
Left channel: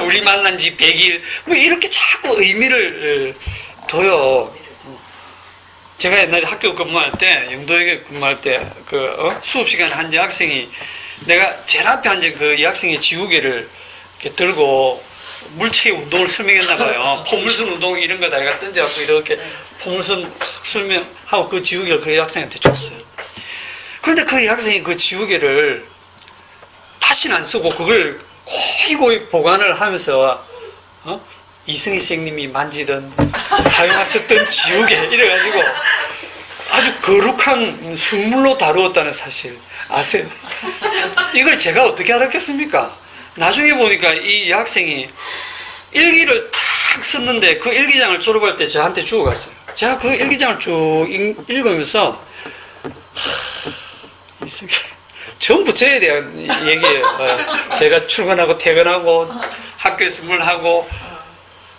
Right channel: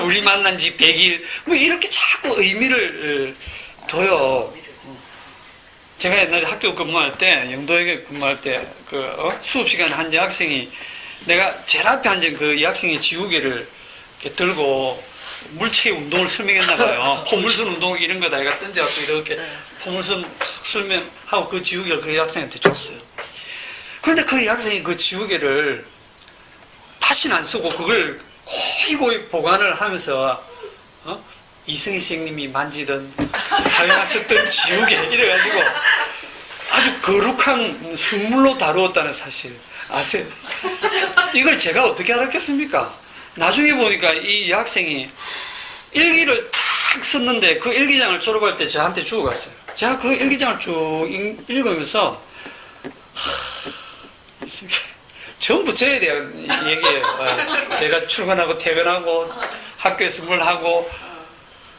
우리 만난 지 100일 뭐 이렇게 자꾸 의미를 둬요. 제가 옛날에 학교 근무할 때, 영도에 근무할 때 수업 시간에 한 여학생이 내가 제일 앞에 앉은 그 여학생의 지우개를 이렇게 들고 물체의 운동을 설명했나 봐요. 포물선 운동 이런 거 내가 던져갖고 이렇게 포물선 설명하고 그 지우개를 그 여학생한테 줬어요. 그런데 그 여학생이 그 지우개를 다시는 안 쓰고 그걸 고이 보관을 하면서 이승희 선생님이 만지던 사용하셨던 지우개 이래가지고 아주 거룩한 성물로 다루었다는 사실 아세요? 이걸 제가 어떻게 알았겠습니까? 나중에 보니까 이 여학생이 일기를 탁 썼는데 그 일기장을 졸업할 때 저한테 주고 갔어요. 제가 그 일기장을 쭉 읽으면서 전부 저에 대한 얘기예요. 제가 출근하고 퇴근하고 학교에서 뭘 하고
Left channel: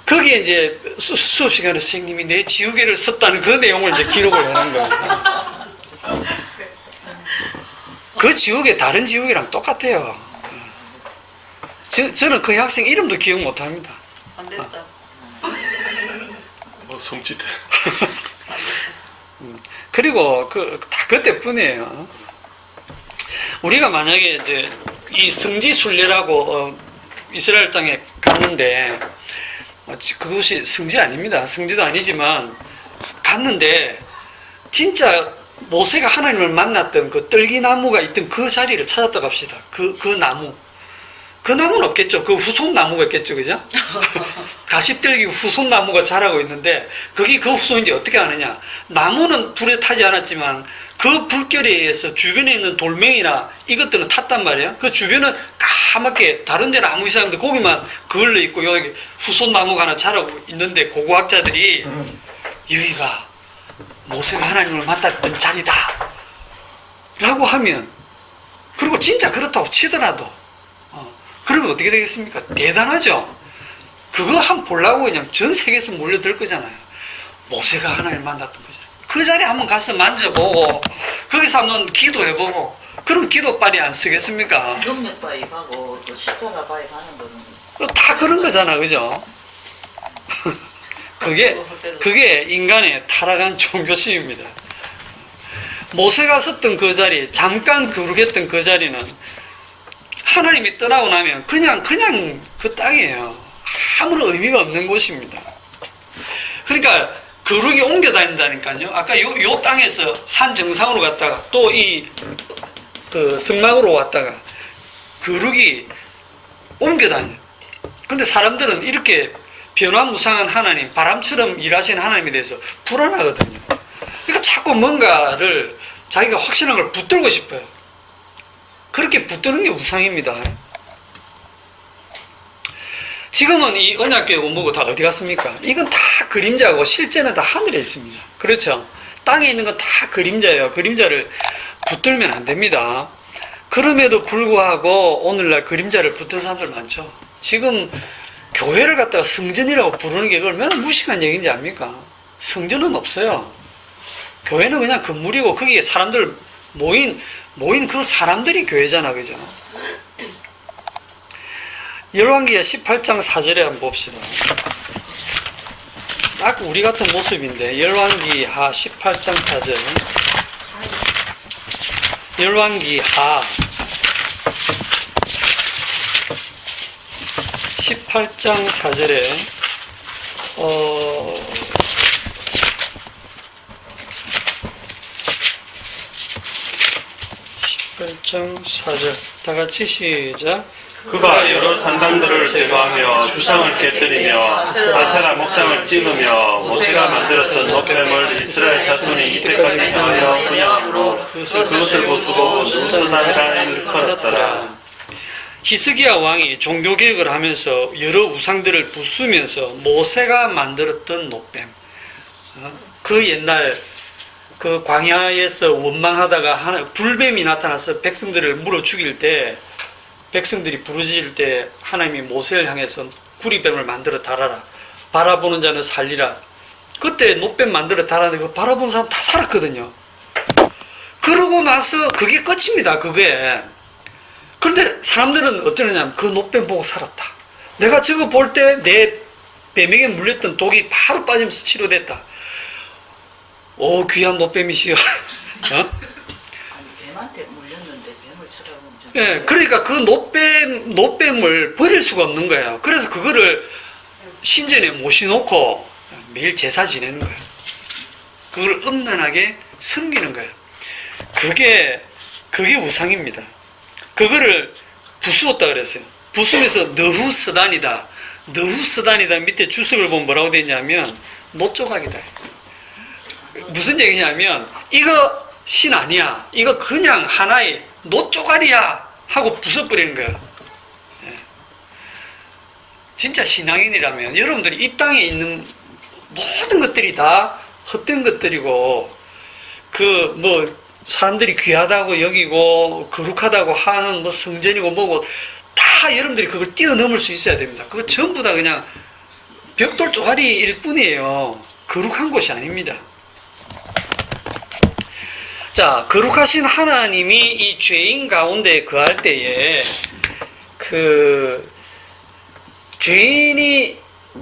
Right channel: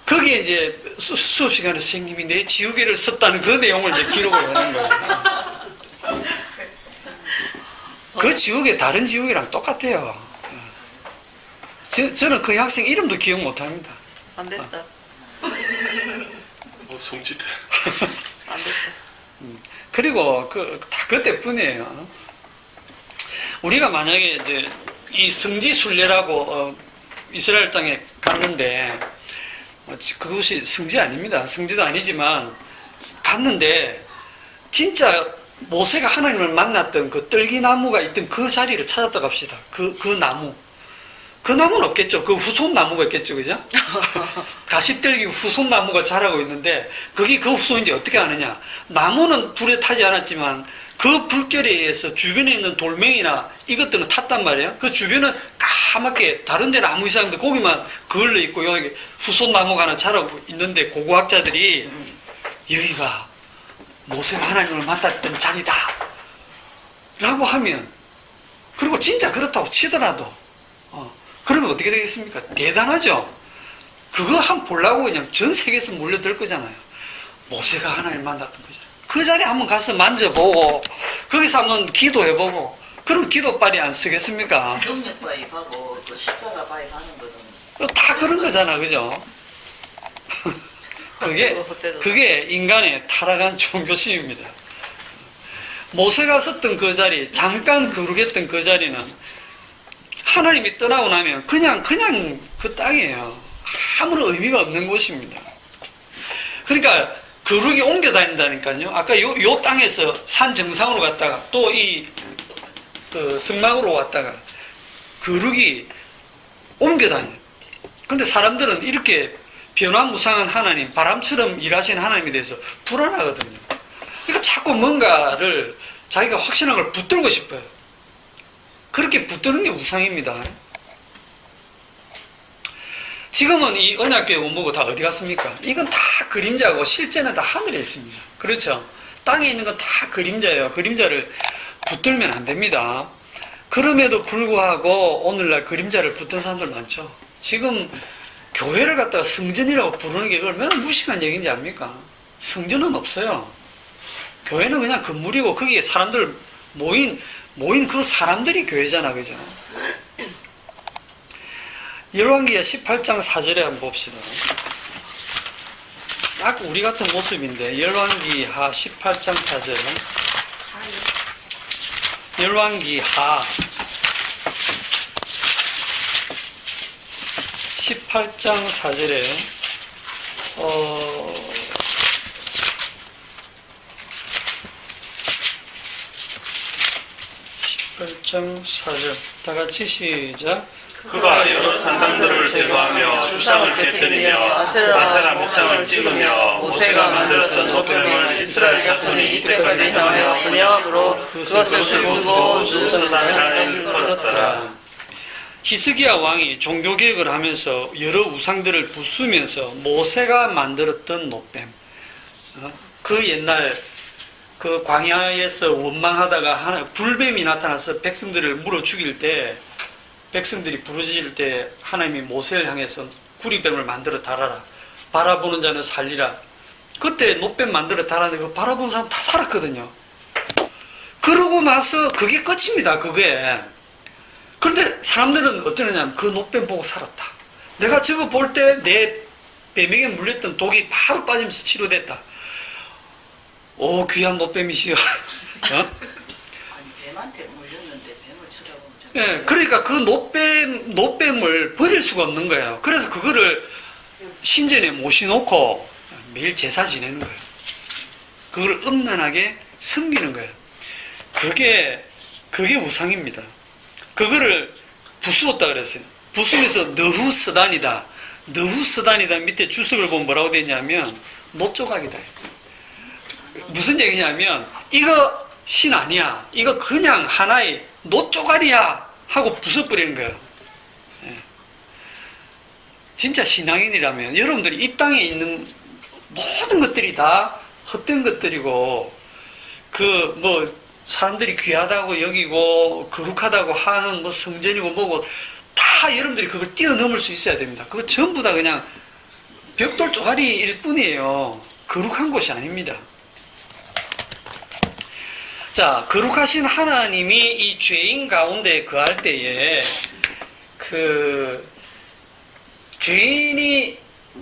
거기에 이제 수업 시간에 선생님이 내 지우개를 썼다는 그 내용을 이제 기록을 하는 거예요. 그 지우개 다른 지우개랑 똑같아요. 저는 그 학생 이름도 기억 못 합니다. 안 됐다. 성취돼. 그리고 다 그때뿐이에요. 우리가 만약에 이제 이 성지 순례라고 이스라엘 땅에 갔는데 그것이 성지 아닙니다. 성지도 아니지만 갔는데 진짜 모세가 하나님을 만났던 그 떨기나무가 있던 그 자리를 찾았다고 합시다. 그 나무. 그 나무는 없겠죠. 그 후손나무가 있겠죠. 그죠? 가시떨기 후손나무가 자라고 있는데 그게 그 후손인지 어떻게 아느냐. 나무는 불에 타지 않았지만 그 불결에 의해서 주변에 있는 돌멩이나 이것들은 탔단 말이에요. 그 주변은 까맣게 다른 데는 아무 이상 없는데 거기만 그을러 있고 여기 후손나무가 하나 자라고 있는데 고고학자들이 여기가 모세가 하나님을 만났던 자리다 라고 하면 그리고 진짜 그렇다고 치더라도 그러면 어떻게 되겠습니까? 대단하죠? 그거 한번 보려고 그냥 전 세계에서 몰려들 거잖아요. 모세가 하나님을 만났던 거잖아요. 그 자리에 한번 가서 만져보고 거기서 한번 기도해보고 그럼 기도빨이 안 쓰겠습니까? 정력 바입하고 그 십자가 바입하는 거는 다 그런 거잖아. 그죠? 그게 인간의 타락한 종교심입니다. 모세가 섰던 그 자리, 잠깐 거룩했던 그 자리는 하나님이 떠나고 나면 그냥 그 땅이에요. 아무런 의미가 없는 곳입니다. 그러니까 거룩이 옮겨 다닌다니까요. 아까 요 땅에서 산 정상으로 갔다가 또 그 성막으로 왔다가 거룩이 옮겨 다녀요. 그런데 사람들은 이렇게 변화무쌍한 하나님, 바람처럼 일하시는 하나님에 대해서 불안하거든요. 그러니까 자꾸 뭔가를 자기가 확신한 걸 붙들고 싶어요. 그렇게 붙드는 게 우상입니다. 지금은 이 언약궤 원목은 다 어디 갔습니까? 이건 다 그림자고 실제는 다 하늘에 있습니다. 그렇죠? 땅에 있는 건 다 그림자예요. 그림자를 붙들면 안 됩니다. 그럼에도 불구하고 오늘날 그림자를 붙든 사람들 많죠. 지금 교회를 갖다가 성전이라고 부르는 게 얼마나 무식한 얘기인지 압니까? 성전은 없어요. 교회는 그냥 건물이고 거기에 사람들 모인 그 사람들이 교회잖아. 그죠? 열왕기하 18장 4절에 한번 봅시다. 딱 우리 같은 모습인데 열왕기하 18장 4절. 열왕기하 18장 4절에 18장 4절 다 같이 시작. 그가 여러 산당들을 제거하며 주상을 깨뜨리며 아세라 목상을 찍으며 모세가 만들었던 노뱀을 이스라엘 자손이 이때까지 향하여 분양으로 그것을 부수고 누스단이라는 일을 걸었더라. 히스기야 왕이 종교개혁을 하면서 여러 우상들을 부수면서 모세가 만들었던 노뱀, 그 옛날 그 광야에서 원망하다가 불뱀이 나타나서 백성들을 물어 죽일 때 백성들이 부르짖을 때 하나님이 모세를 향해서 구리뱀을 만들어 달아라. 바라보는 자는 살리라. 그때 노뱀 만들어 달았는데 그 바라보는 사람 다 살았거든요. 그러고 나서 그게 끝입니다. 그게. 그런데 사람들은 어떠느냐면 그 노뱀 보고 살았다. 내가 저거 볼 때 내 뱀에게 물렸던 독이 바로 빠지면서 치료됐다. 오, 귀한 노뱀이시여. 아니 뱀한테 물렸는데 뱀을 쳐다보면 좀 예, 그러니까 그 노뱀을 버릴 수가 없는 거예요. 그래서 그거를 신전에 모셔놓고 매일 제사 지내는 거예요. 그걸 음란하게 섬기는 거예요. 그게 우상입니다. 그거를 부수었다 그랬어요. 부수면서 너후스단이다. 너후스단이다 밑에 주석을 보면 뭐라고 되냐면 노조각이다. 무슨 얘기냐면 이거 신 아니야. 이거 그냥 하나의 노조각이야 하고 부숴버리는 거야. 예. 진짜 신앙인이라면 여러분들이 이 땅에 있는 모든 것들이 다 헛된 것들이고 사람들이 귀하다고 여기고 거룩하다고 하는 뭐 성전이고 뭐고 다 여러분들이 그걸 뛰어넘을 수 있어야 됩니다. 그거 전부 다 그냥 벽돌 쪼가리일 뿐이에요. 거룩한 곳이 아닙니다. 자, 거룩하신 하나님이 이 죄인 가운데 거할 때에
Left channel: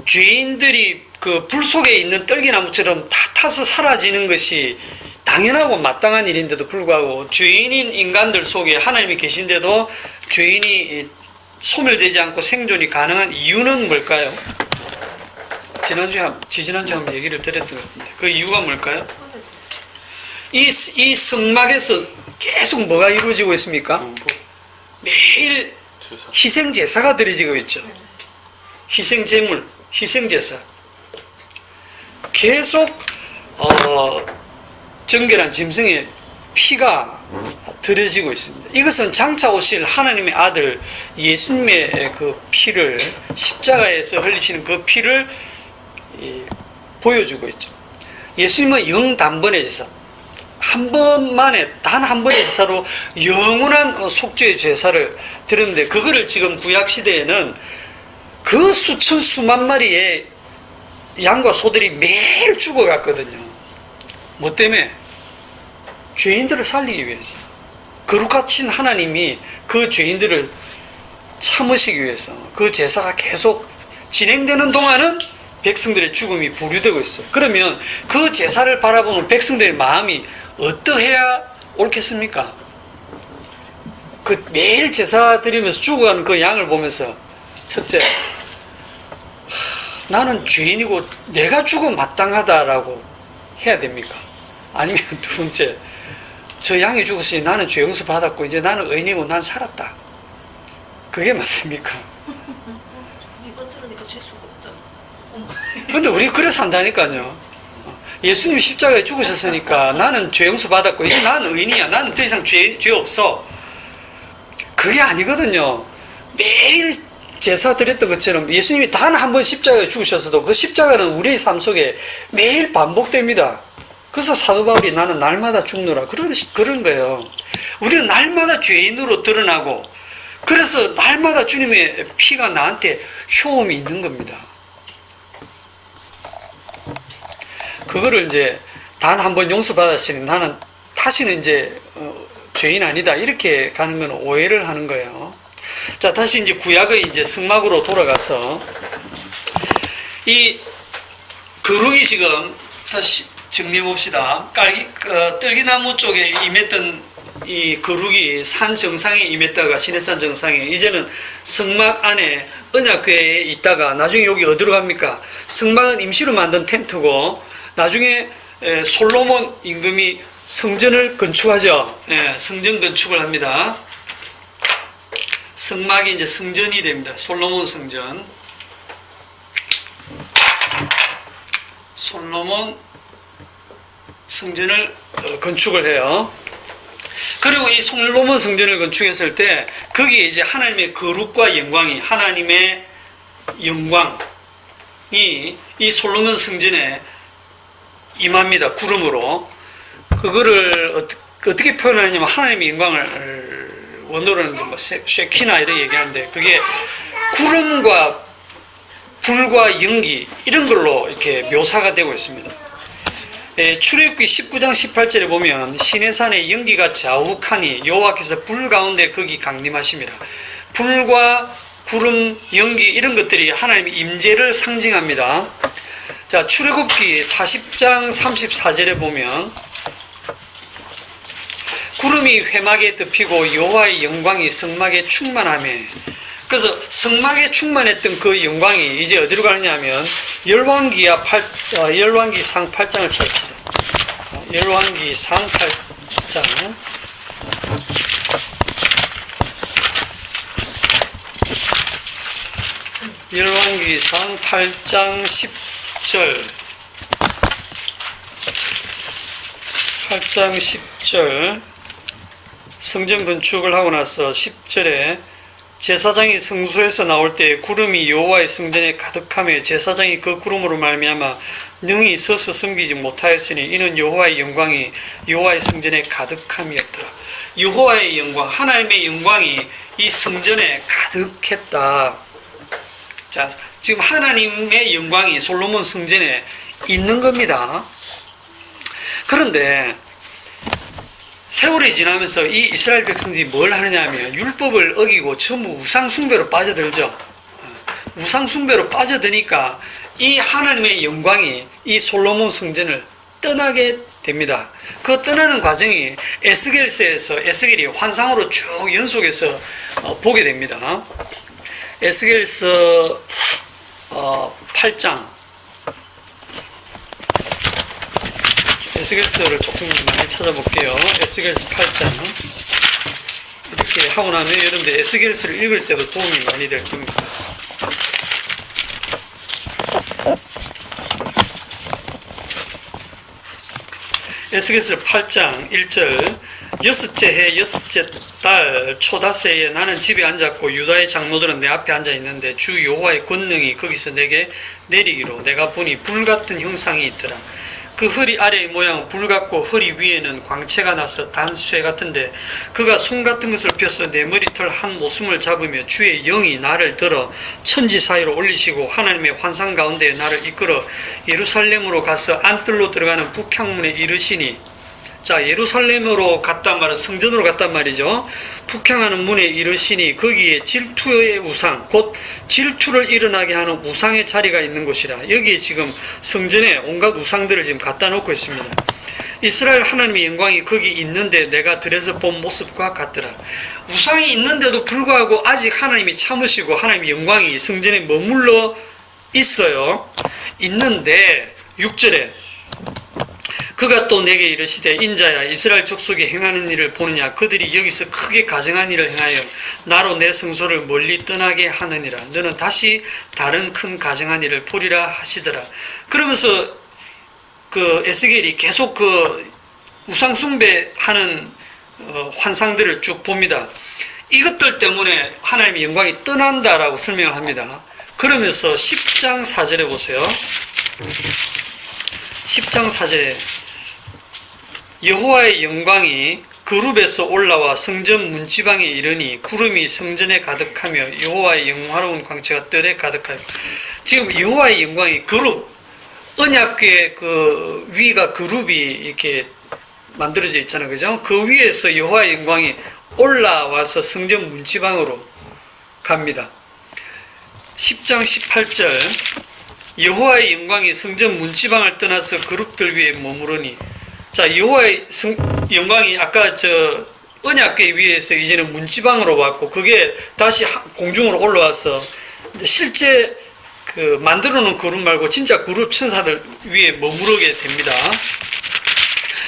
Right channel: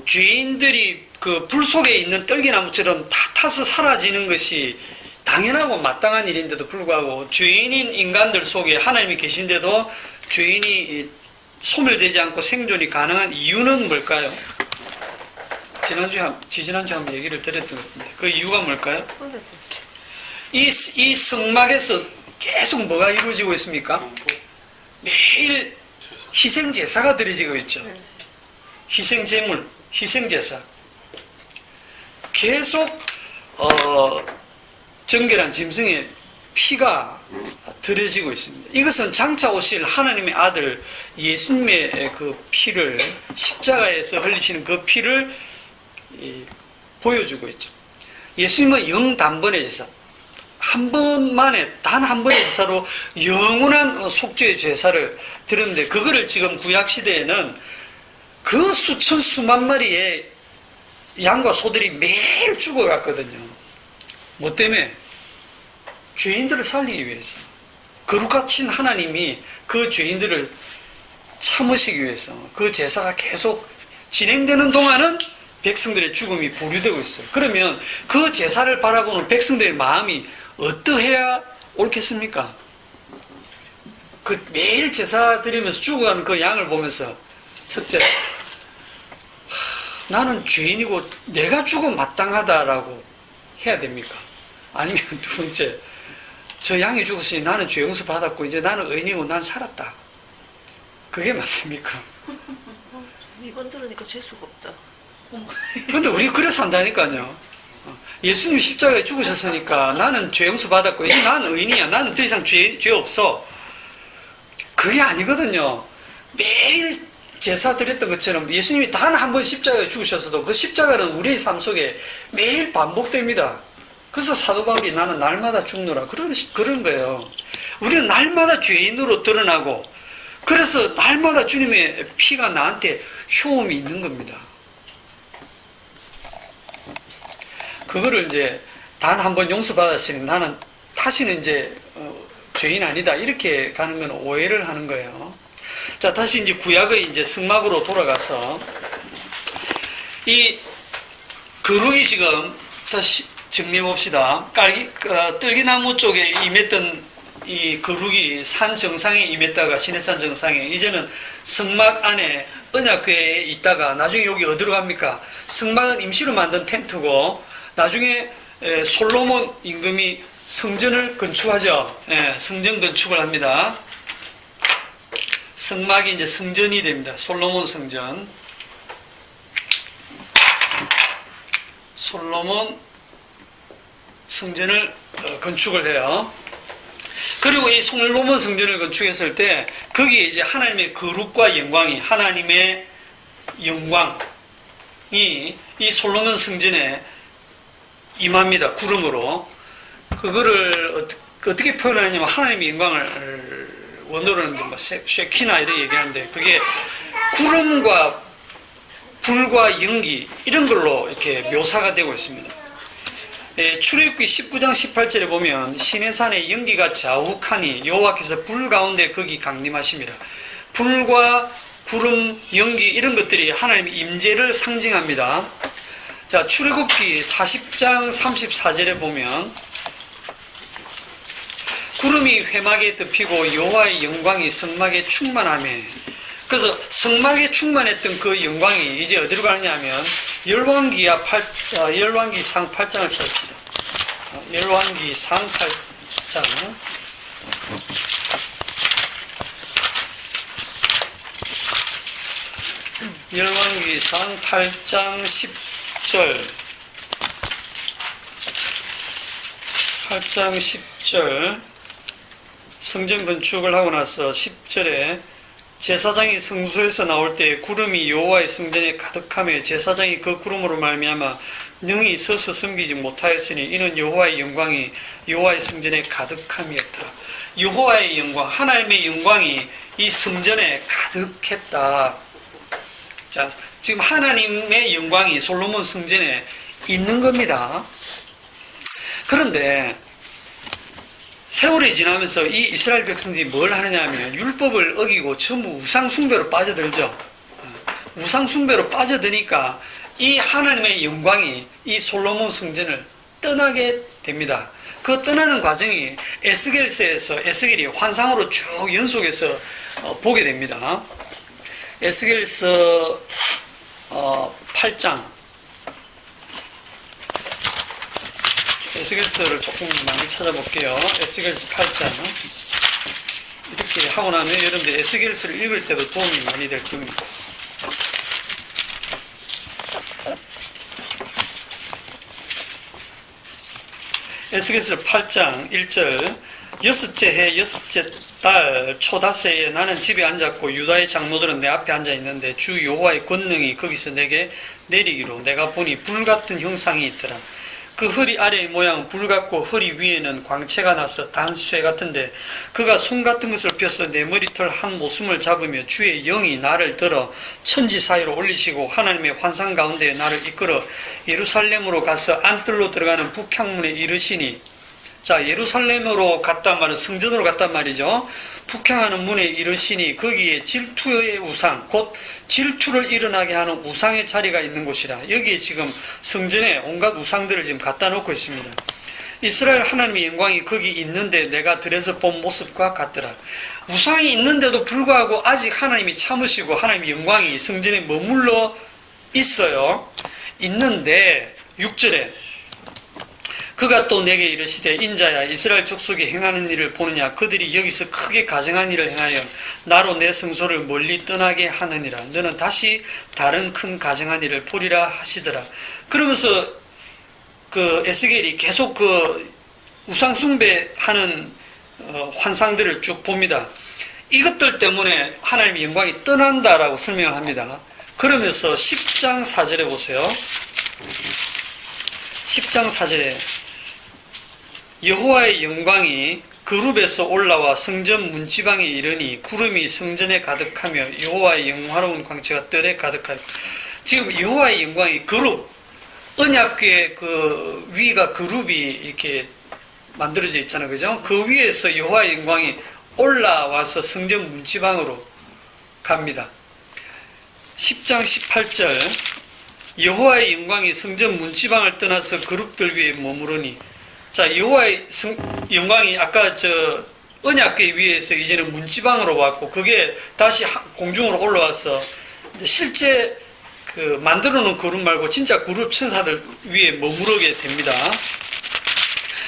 죄인들이 그 불 속에 있는 떨기나무처럼 다 타서 사라지는 것이 당연하고 마땅한 일인데도 불구하고 죄인인 인간들 속에 하나님이 계신데도 죄인이 소멸되지 않고 생존이 가능한 이유는 뭘까요? 지지난주에 한번 얘기를 드렸던 것 같은데 그 이유가 뭘까요? 이 성막에서 계속 뭐가 이루어지고 있습니까? 매일 희생제사가 드려지고 있죠. 희생제물, 희생제사. 계속 정결한 짐승의 피가 드려지고 있습니다. 이것은 장차 오실 하나님의 아들 예수님의 그 피를 십자가에서 흘리시는 그 피를 보여주고 있죠. 예수님은 영단번의 제사, 한 번만에 단 한 번의 제사로 영원한 속죄의 제사를 드렸는데 그거를 지금 구약시대에는 그 수천 수만 마리의 양과 소들이 매일 죽어갔거든요. 뭐 때문에? 죄인들을 살리기 위해서. 거룩하신 하나님이 그 죄인들을 참으시기 위해서 그 제사가 계속 진행되는 동안은 백성들의 죽음이 보류되고 있어요. 그러면 그 제사를 바라보는 백성들의 마음이 어떠해야 옳겠습니까? 그 매일 제사 드리면서 죽어가는 그 양을 보면서 첫째, 나는 죄인이고 내가 죽음 마땅하다라고 해야 됩니까? 아니면 두 번째, 저 양이 죽었으니 나는 죄 용서 받았고 이제 나는 의인이고 난 살았다. 그게 맞습니까? 이번 들으니까 재수가 없다. 근데 우리 그래 산다니까요. 예수님 십자가에 죽으셨으니까 나는 죄 용서 받았고 이제 나는 의인이야. 나는 더 이상 죄 없어. 그게 아니거든요. 매일 제사 드렸던 것처럼 예수님이 단 한 번 십자가에 죽으셨어도 그 십자가는 우리의 삶 속에 매일 반복됩니다. 그래서 사도 바울이 나는 날마다 죽노라 그런 거예요. 우리는 날마다 죄인으로 드러나고 그래서 날마다 주님의 피가 나한테 효험이 있는 겁니다. 그거를 이제 단 한 번 용서받았으니 나는 다시는 이제 죄인 아니다 이렇게 가는 건 오해를 하는 거예요. 자, 다시 이제 구약의 이제 성막으로 돌아가서 이 거룩이 지금 다시 정리해 봅시다. 떨기나무 쪽에 임했던 이 거룩이 산 정상에 임했다가 시내산 정상에 이제는 성막 안에 언약궤에 있다가 나중에 여기 어디로 갑니까? 성막은 임시로 만든 텐트고 나중에 솔로몬 임금이 성전을 건축하죠. 성전 건축을 합니다. 성막이 이제 성전이 됩니다. 솔로몬 성전. 솔로몬 성전을 건축을 해요. 그리고 이 솔로몬 성전을 건축했을 때 거기에 이제 하나님의 거룩과 영광이 하나님의 영광이 이 솔로몬 성전에 임합니다. 구름으로. 그거를 어떻게 표현하냐면 하나님의 영광을 원어로는 뭐 쉐키나 이렇게 얘기하는데 그게 구름과 불과 연기 이런 걸로 이렇게 묘사가 되고 있습니다. 출애굽기 19장 18절에 보면 시내산에 연기가 자욱하니 여호와께서 불 가운데 거기 강림하심이라. 불과 구름, 연기 이런 것들이 하나님의 임재를 상징합니다. 자, 출애굽기 40장 34절에 보면 구름이 회막에 덮이고 여호와의 영광이 성막에 충만하며 그래서 성막에 충만했던 그 영광이 이제 어디로 가느냐 하면 열왕기상 8장을 찾읍시다. 열왕기상 8장 열왕기상 8장 10절 8장 10절 성전 건축을 하고 나서 10절에 제사장이 성소에서 나올 때 구름이 여호와의 성전에 가득하며 제사장이 그 구름으로 말미암아 능히 서서 섬기지 못하였으니 이는 여호와의 영광이 여호와의 성전에 가득함이었더라. 여호와의 영광, 하나님의 영광이 이 성전에 가득했다. 자, 지금 하나님의 영광이 솔로몬 성전에 있는 겁니다. 그런데 세월이 지나면서 이 이스라엘 백성들이 뭘 하느냐 하면 율법을 어기고 전부 우상숭배로 빠져들죠. 우상숭배로 빠져드니까 이 하나님의 영광이 이 솔로몬 성전을 떠나게 됩니다. 그 떠나는 과정이 에스겔서에서 에스겔이 환상으로 쭉 연속해서 보게 됩니다. 에스겔서 8장, 에스겔서를 조금 많이 찾아볼게요. 에스겔서 8장. 이렇게 하고 나면 여러분들 에스겔서를 읽을 때도 도움이 많이 될 겁니다. 에스겔서 8장 1절, 여섯째 해 여섯째 달 초다새에 나는 집에 앉았고 유다의 장로들은 내 앞에 앉아 있는데 주 여호와의 권능이 거기서 내게 내리기로 내가 보니 불같은 형상이 있더라. 그 허리 아래의 모양은 불같고 허리 위에는 광채가 나서 단쇠 같은데 그가 손 같은 것을 펴서 내 머리털 한 모숨을 잡으며 주의 영이 나를 들어 천지 사이로 올리시고 하나님의 환상 가운데 나를 이끌어 예루살렘으로 가서 안뜰로 들어가는 북향문에 이르시니, 자, 예루살렘으로 갔단 말은 성전으로 갔단 말이죠. 북향하는 문에 이르시니 거기에 질투의 우상, 곧 질투를 일어나게 하는 우상의 자리가 있는 곳이라. 여기에 지금 성전에 온갖 우상들을 지금 갖다 놓고 있습니다. 이스라엘 하나님의 영광이 거기 있는데 내가 들에서 본 모습과 같더라. 우상이 있는데도 불구하고 아직 하나님이 참으시고 하나님의 영광이 성전에 머물러 있어요. 있는데 6절에 그가 또 내게 이르시되 인자야 이스라엘 족속이 행하는 일을 보느냐. 그들이 여기서 크게 가증한 일을 행하여 나로 내 성소를 멀리 떠나게 하느니라. 너는 다시 다른 큰 가증한 일을 보리라 하시더라. 그러면서 그 에스겔이 계속 그 우상 숭배하는 환상들을 쭉 봅니다. 이것들 때문에 하나님의 영광이 떠난다라고 설명을 합니다. 그러면서 10장 4절에 보세요. 10장 4절에 여호와의 영광이 그룹에서 올라와 성전 문지방에 이르니 구름이 성전에 가득하며 여호와의 영화로운 광채가 뜰에 가득하여. 지금 여호와의 영광이 그룹, 언약궤의 그 위가 그룹이 이렇게 만들어져 있잖아요, 그죠? 그 위에서 여호와의 영광이 올라와서 성전 문지방으로 갑니다. 10장 18절 여호와의 영광이 성전 문지방을 떠나서 그룹들 위에 머무르니. 자, 여호와의 영광이 아까 저 언약궤 위에서 이제는 문지방으로 왔고 그게 다시 공중으로 올라와서 이제 실제 그 만들어 놓은 그룹 말고 진짜 그룹 천사들 위에 머무르게 됩니다.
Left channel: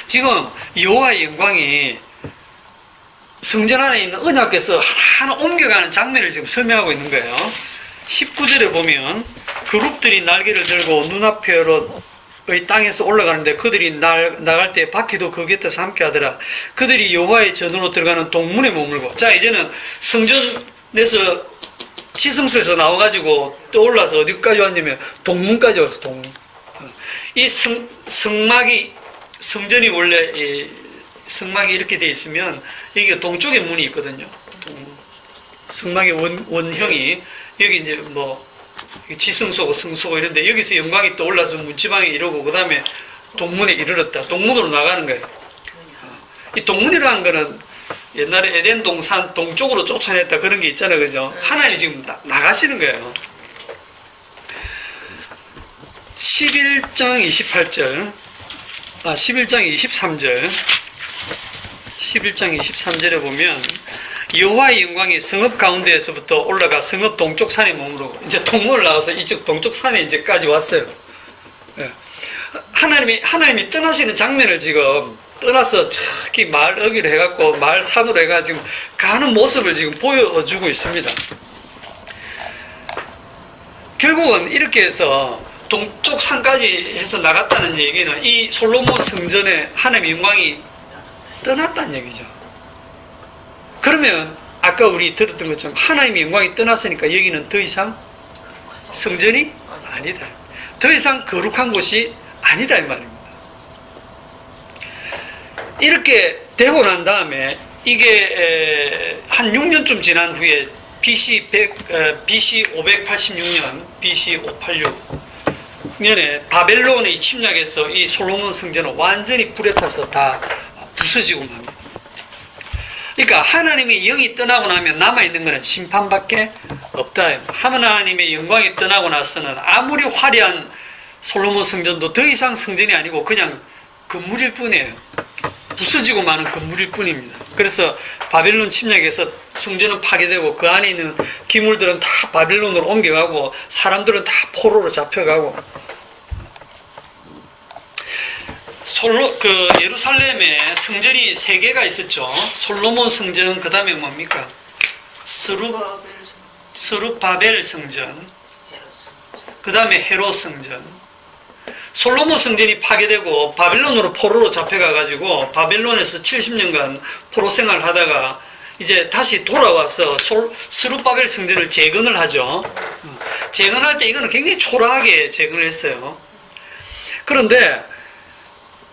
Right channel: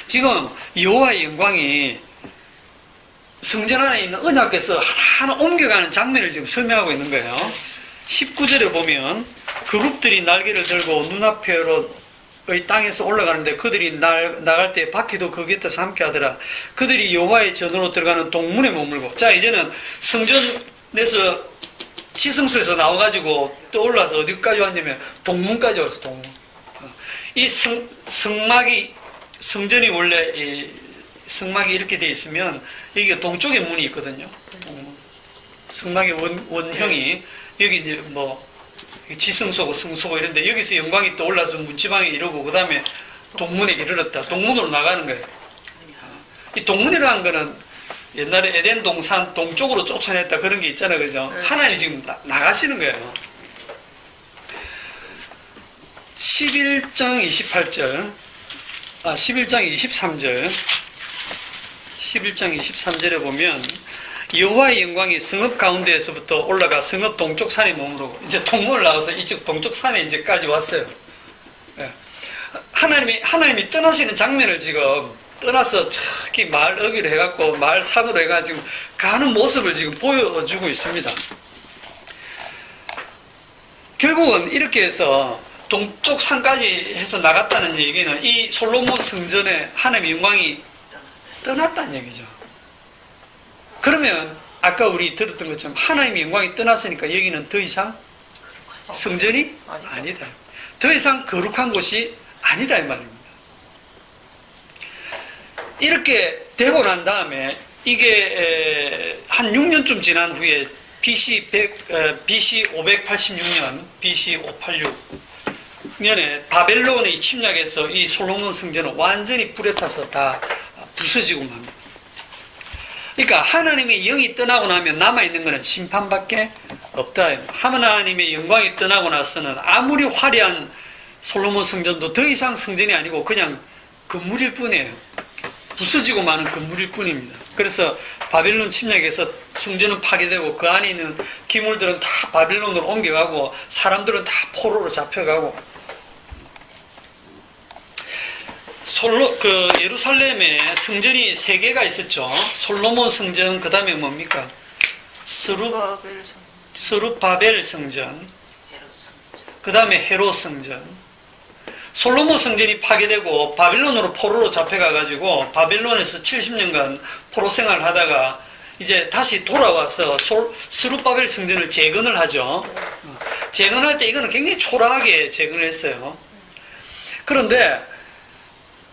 지금 여호와의 영광이 성전 안에 있는 언약궤에서 하나하나 옮겨가는 장면을 지금 설명하고 있는 거예요. 19절에 보면 그룹들이 날개를 들고 눈앞에로 의 땅에서 올라가는데 그들이 나갈 때 바퀴도 그 곁에서 함께 하더라. 그들이 여호와의 전으로 들어가는 동문에 머물고. 자, 이제는 성전에서 지성소에서 나와가지고 떠올라서 어디까지 왔냐면 동문까지 왔어. 동문. 이 성막이, 성전이 원래 이 성막이 이렇게 돼 있으면 여기가 동쪽에 문이 있거든요. 동문. 성막의 원형이 여기 이제 뭐 지성소고 성소고 이런데 여기서 영광이 또 올라서 문지방에 이르고 그 다음에 동문에 이르렀다. 동문으로 나가는 거예요. 이 동문이라는 거는 옛날에 에덴 동산 동쪽으로 쫓아냈다 그런 게 있잖아요, 그죠? 하나님이 지금 나가시는 거예요. 11장 28절, 11장 23절, 11장 23절에 보면 여호와의 영광이 성읍 가운데에서부터 올라가 성읍 동쪽 산에 머무르고 이제 동문을 나와서 이쪽 동쪽 산에 이제까지 왔어요. 하나님이 떠나시는 장면을 지금 떠나서 저기 마을 어기로 해갖고 마을 산으로 해가지고 가는 모습을 지금 보여주고 있습니다. 결국은 이렇게 해서 동쪽 산까지 해서 나갔다는 얘기는 이 솔로몬 성전에 하나님의 영광이 떠났다는 얘기죠. 그러면 아까 우리 들었던 것처럼 하나님의 영광이 떠났으니까 여기는 더 이상 성전이 아니다. 더 이상 거룩한 곳이 아니다 이 말입니다. 이렇게 되고 난 다음에 이게 한 6년쯤 지난 후에 BC 586년, BC 586년에 바벨론이 침략해서 이 솔로몬 성전은 완전히 불에 타서 다 부서지고 맙니다. 그러니까 하나님의 영이 떠나고 나면 남아있는 것은 심판밖에 없다. 하나님의 영광이 떠나고 나서는 아무리 화려한 솔로몬 성전도 더 이상 성전이 아니고 그냥 건물일 뿐이에요. 부서지고 마는 건물일 뿐입니다. 그래서 바벨론 침략에서 성전은 파괴되고 그 안에 있는 기물들은 다 바벨론으로 옮겨가고 사람들은 다 포로로 잡혀가고 예루살렘에 성전이 3개가 있었죠. 솔로몬 성전, 그 다음에 뭡니까? 스룹바벨 성전, 그 다음에 헤롯 성전. 솔로몬 성전이 파괴되고 바벨론으로 포로로 잡혀가가지고 바벨론에서 70년간 포로 생활을 하다가 이제 다시 돌아와서 스룹바벨 성전을 재건을 하죠. 재건할 때 이거는 굉장히 초라하게 재건을 했어요. 그런데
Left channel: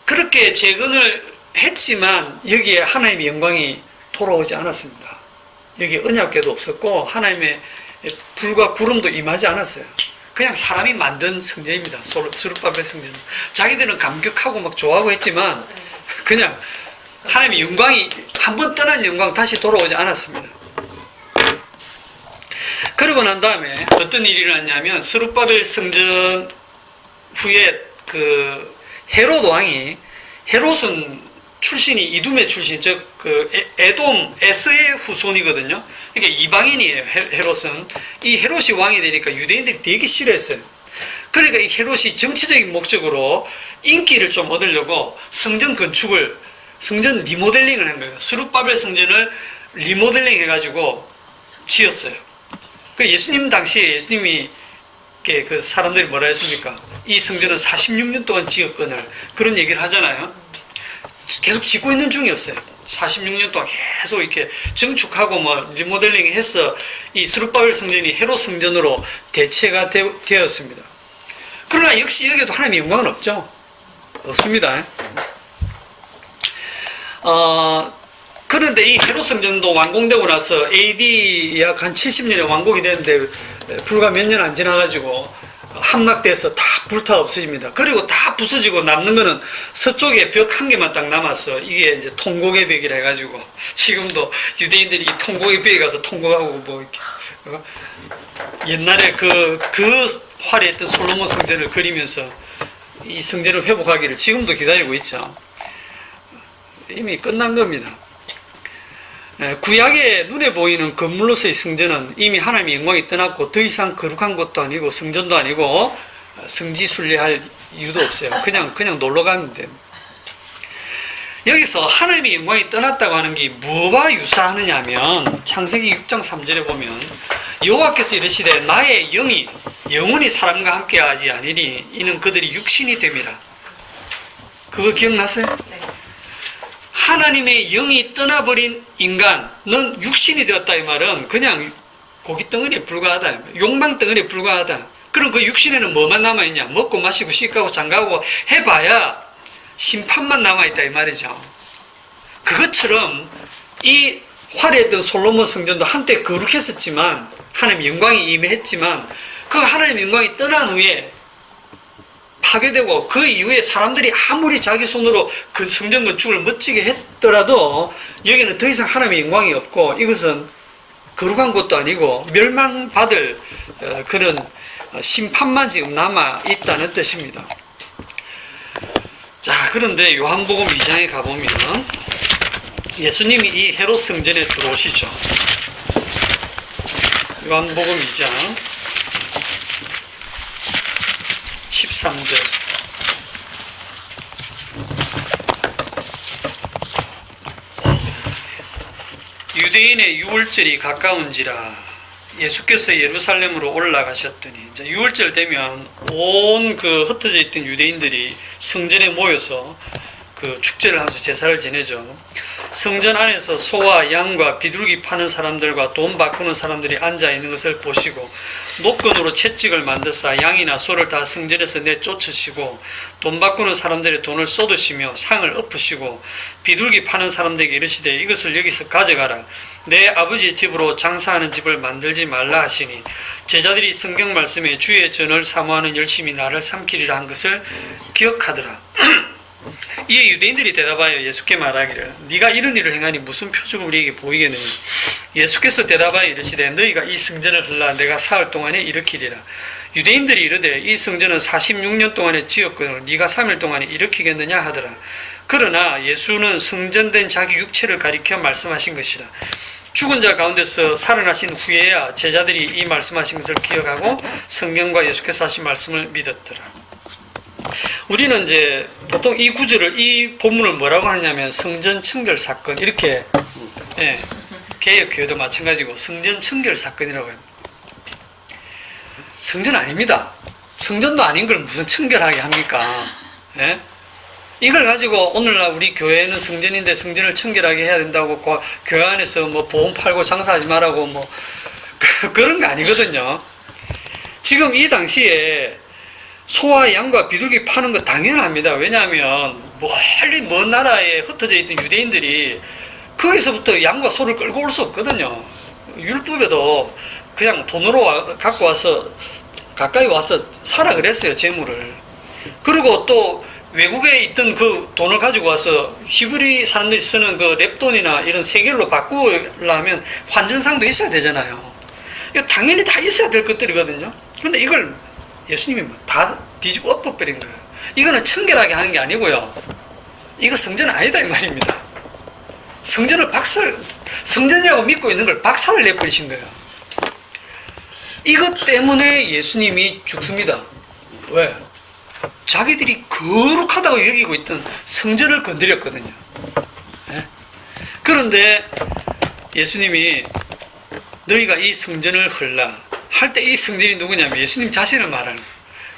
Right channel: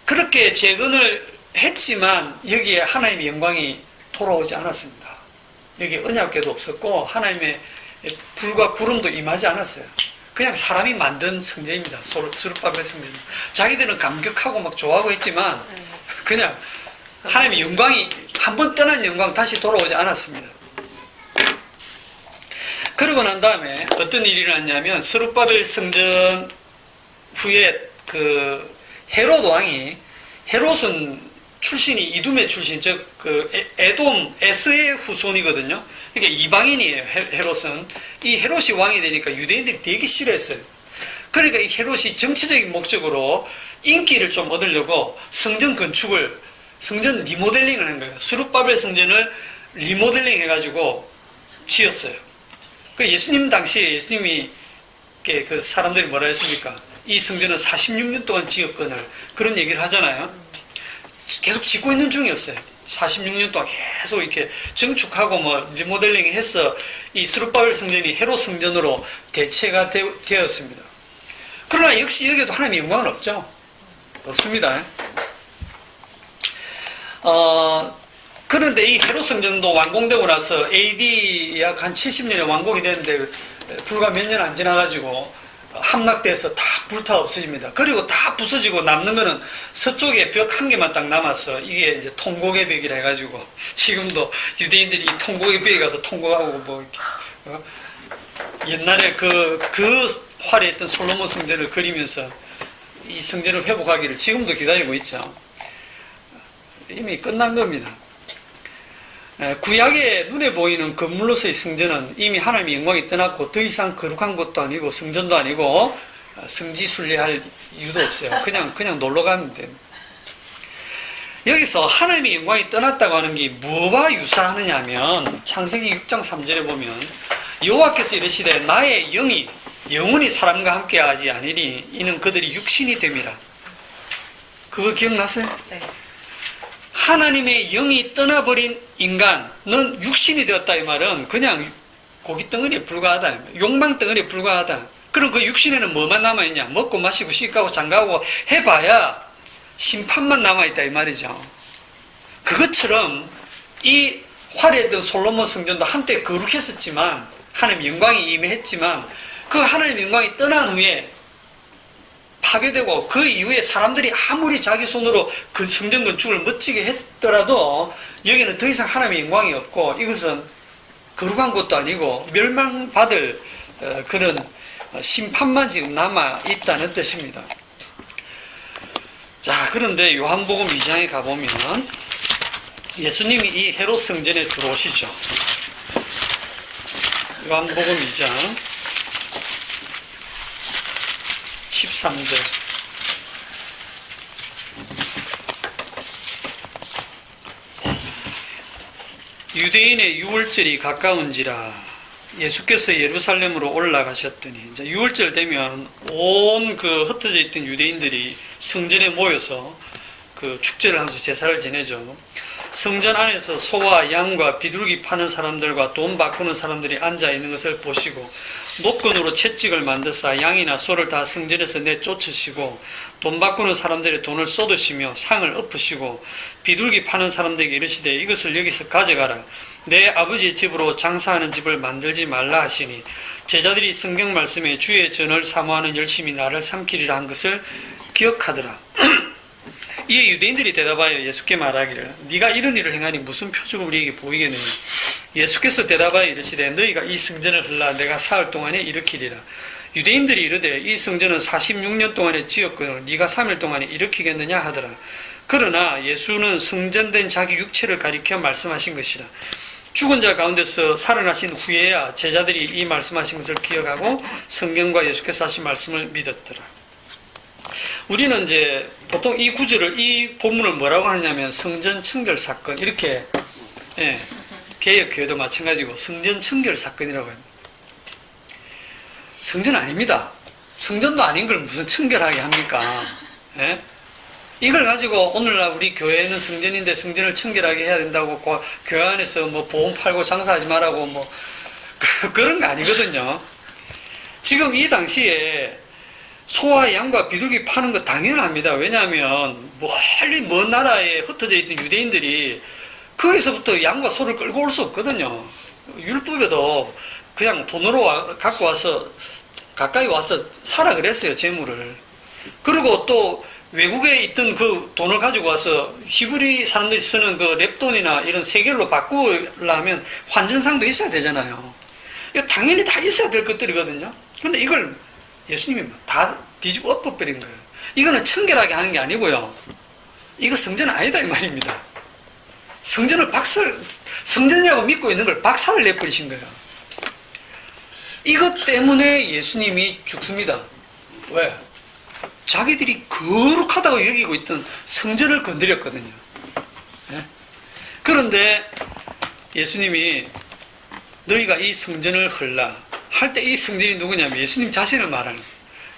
그렇게 재건을 했지만 여기에 하나님의 영광이 돌아오지 않았습니다. 여기에 언약궤도 없었고 하나님의 불과 구름도 임하지 않았어요. 그냥 사람이 만든 성전입니다. 스룹바벨 성전. 자기들은 감격하고 막 좋아하고 했지만 그냥 하나님의 영광이 한번 떠난 영광 다시 돌아오지 않았습니다. 그러고 난 다음에 어떤 일이 일어났냐면 스룹바벨 성전 후에 헤롯 왕이, 헤롯은 출신이 이둠의 출신, 즉 에돔 에스의 후손이거든요. 그러니까 이방인이에요. 헤롯은. 이 헤롯이 왕이 되니까 유대인들이 되게 싫어했어요. 그러니까 이 헤롯이 정치적인 목적으로 인기를 좀 얻으려고 성전 리모델링을 한 거예요. 스룹바벨 성전을 리모델링 해가지고 지었어요. 예수님 당시에 예수님이 그 사람들이 뭐라 했습니까? 이 성전은 46년 동안 지었거늘 그런 얘기를 하잖아요. 계속 짓고 있는 중이었어요. 46년 동안 계속 이렇게 증축하고 리모델링 해서 이 스룹바벨 성전이 헤롯 성전으로 대체가 되었습니다. 그러나 역시 여기에도 하나님의 영광은 없죠. 없습니다. 그런데 이 헤롯 성전도 완공되고 나서 AD 약 한 70년에 완공이 됐는데 불과 몇 년 안 지나가지고 함락돼서 다 불타 없어집니다. 그리고 다 부서지고 남는 거는 서쪽에 벽 한 개만 딱 남았어. 이게 이제 통곡의 벽이라 해가지고 지금도 유대인들이 이 통곡의 벽에 가서 통곡하고 이렇게 옛날에 그 화려했던 솔로몬 성전을 그리면서 이 성전을 회복하기를 지금도 기다리고 있죠. 이미 끝난 겁니다. 구약의 눈에 보이는 건물로서의 성전은 이미 하나님의 영광이 떠났고 더 이상 거룩한 것도 아니고 성전도 아니고 성지순례할 이유도 없어요. 그냥 놀러 가면 돼요. 여기서 하나님의 영광이 떠났다고 하는 게 뭐와 유사하느냐 하면 창세기 6장 3절에 보면 여호와께서 이르시되 나의 영이 영원히 사람과 함께하지 아니니 이는 그들이 육신이 됨이라. 그거 기억나세요? 네. 하나님의 영이 떠나버린 인간은 육신이 되었다 이 말은 그냥 고기 덩어리에 불과하다. 욕망 덩어리에 불과하다. 그럼 그 육신에는 뭐만 남아있냐? 먹고 마시고 씻고 장가고 해봐야 심판만 남아있다 이 말이죠. 그것처럼 이 화려했던 솔로몬 성전도 한때 거룩했었지만 하나님의 영광이 임했지만 그 하나님의 영광이 떠난 후에 파괴되고 그 이후에 사람들이 아무리 자기 손으로 그 성전 건축을 멋지게 했더라도 여기는 더 이상 하나님의 영광이 없고 이것은 거룩한 것도 아니고 멸망받을 그런 심판만 지금 남아있다는 뜻입니다. 자, 그런데 요한복음 2장에 가보면 예수님이 이 헤롯 성전에 들어오시죠. 요한복음 2장 13절. 유대인의 유월절이 가까운지라 예수께서 예루살렘으로 올라가셨더니 이제 유월절 되면 온 그 흩어져 있던 유대인들이 성전에 모여서 그 축제를 하면서 제사를 지내죠. 성전 안에서 소와 양과 비둘기 파는 사람들과 돈 바꾸는 사람들이 앉아 있는 것을 보시고 노건으로 채찍을 만드사 양이나 소를 다 성전에서 내쫓으시고 돈 바꾸는 사람들의 돈을 쏟으시며 상을 엎으시고 비둘기 파는 사람들에게 이르시되 이것을 여기서 가져가라. 내 아버지의 집으로 장사하는 집을 만들지 말라 하시니 제자들이 성경 말씀에 주의 전을 사모하는 열심히 나를 삼키리라 한 것을 기억하더라. 이에 유대인들이 대답하여 예수께 말하기를 네가 이런 일을 행하니 무슨 표적을 우리에게 보이겠느냐. 예수께서 대답하여 이르시되 너희가 이 성전을 헐라 내가 사흘 동안에 일으키리라. 유대인들이 이르되 이 성전은 46년 동안에 지었거늘 네가 3일 동안에 일으키겠느냐 하더라. 그러나 예수는 성전된 자기 육체를 가리켜 말씀하신 것이라. 죽은 자 가운데서 살아나신 후에야 제자들이 이 말씀하신 것을 기억하고 성경과 예수께서 하신 말씀을 믿었더라. 우리는 이제 보통 이 구절을, 이 본문을 뭐라고 하냐면 성전 청결 사건, 이렇게, 예, 개혁교회도 마찬가지고 성전 청결 사건이라고 합니다. 성전 아닙니다. 성전도 아닌 걸 무슨 청결하게 합니까? 예? 이걸 가지고 오늘날 우리 교회는 성전인데 성전을 청결하게 해야 된다고 교회 안에서 뭐 보험 팔고 장사하지 말라고 뭐 그런 거 아니거든요. 지금 이 당시에 소와 양과 비둘기 파는 거 당연합니다. 왜냐하면 멀리 먼 나라에 흩어져 있던 유대인들이 거기서부터 양과 소를 끌고 올 수 없거든요. 율법에도 그냥 돈으로 갖고 와서 가까이 와서 사라 그랬어요, 재물을. 그리고 또 외국에 있던 그 돈을 가지고 와서 히브리 사람들이 쓰는 그 랩돈이나 이런 세겔로 바꾸려면 환전상도 있어야 되잖아요. 이거 당연히 다 있어야 될 것들이거든요. 그런데 이걸 예수님이 다 뒤집어 엎어버린 거예요. 이거는 청결하게 하는 게 아니고요. 이거 성전은 아니다 이 말입니다. 성전이라고 믿고 있는 걸 박살을 내버리신 거예요. 이것 때문에 예수님이 죽습니다. 왜? 자기들이 거룩하다고 여기고 있던 성전을 건드렸거든요. 네? 그런데 예수님이 너희가 이 성전을 헐라 할 때 이 성전이 누구냐면 예수님 자신을 말하는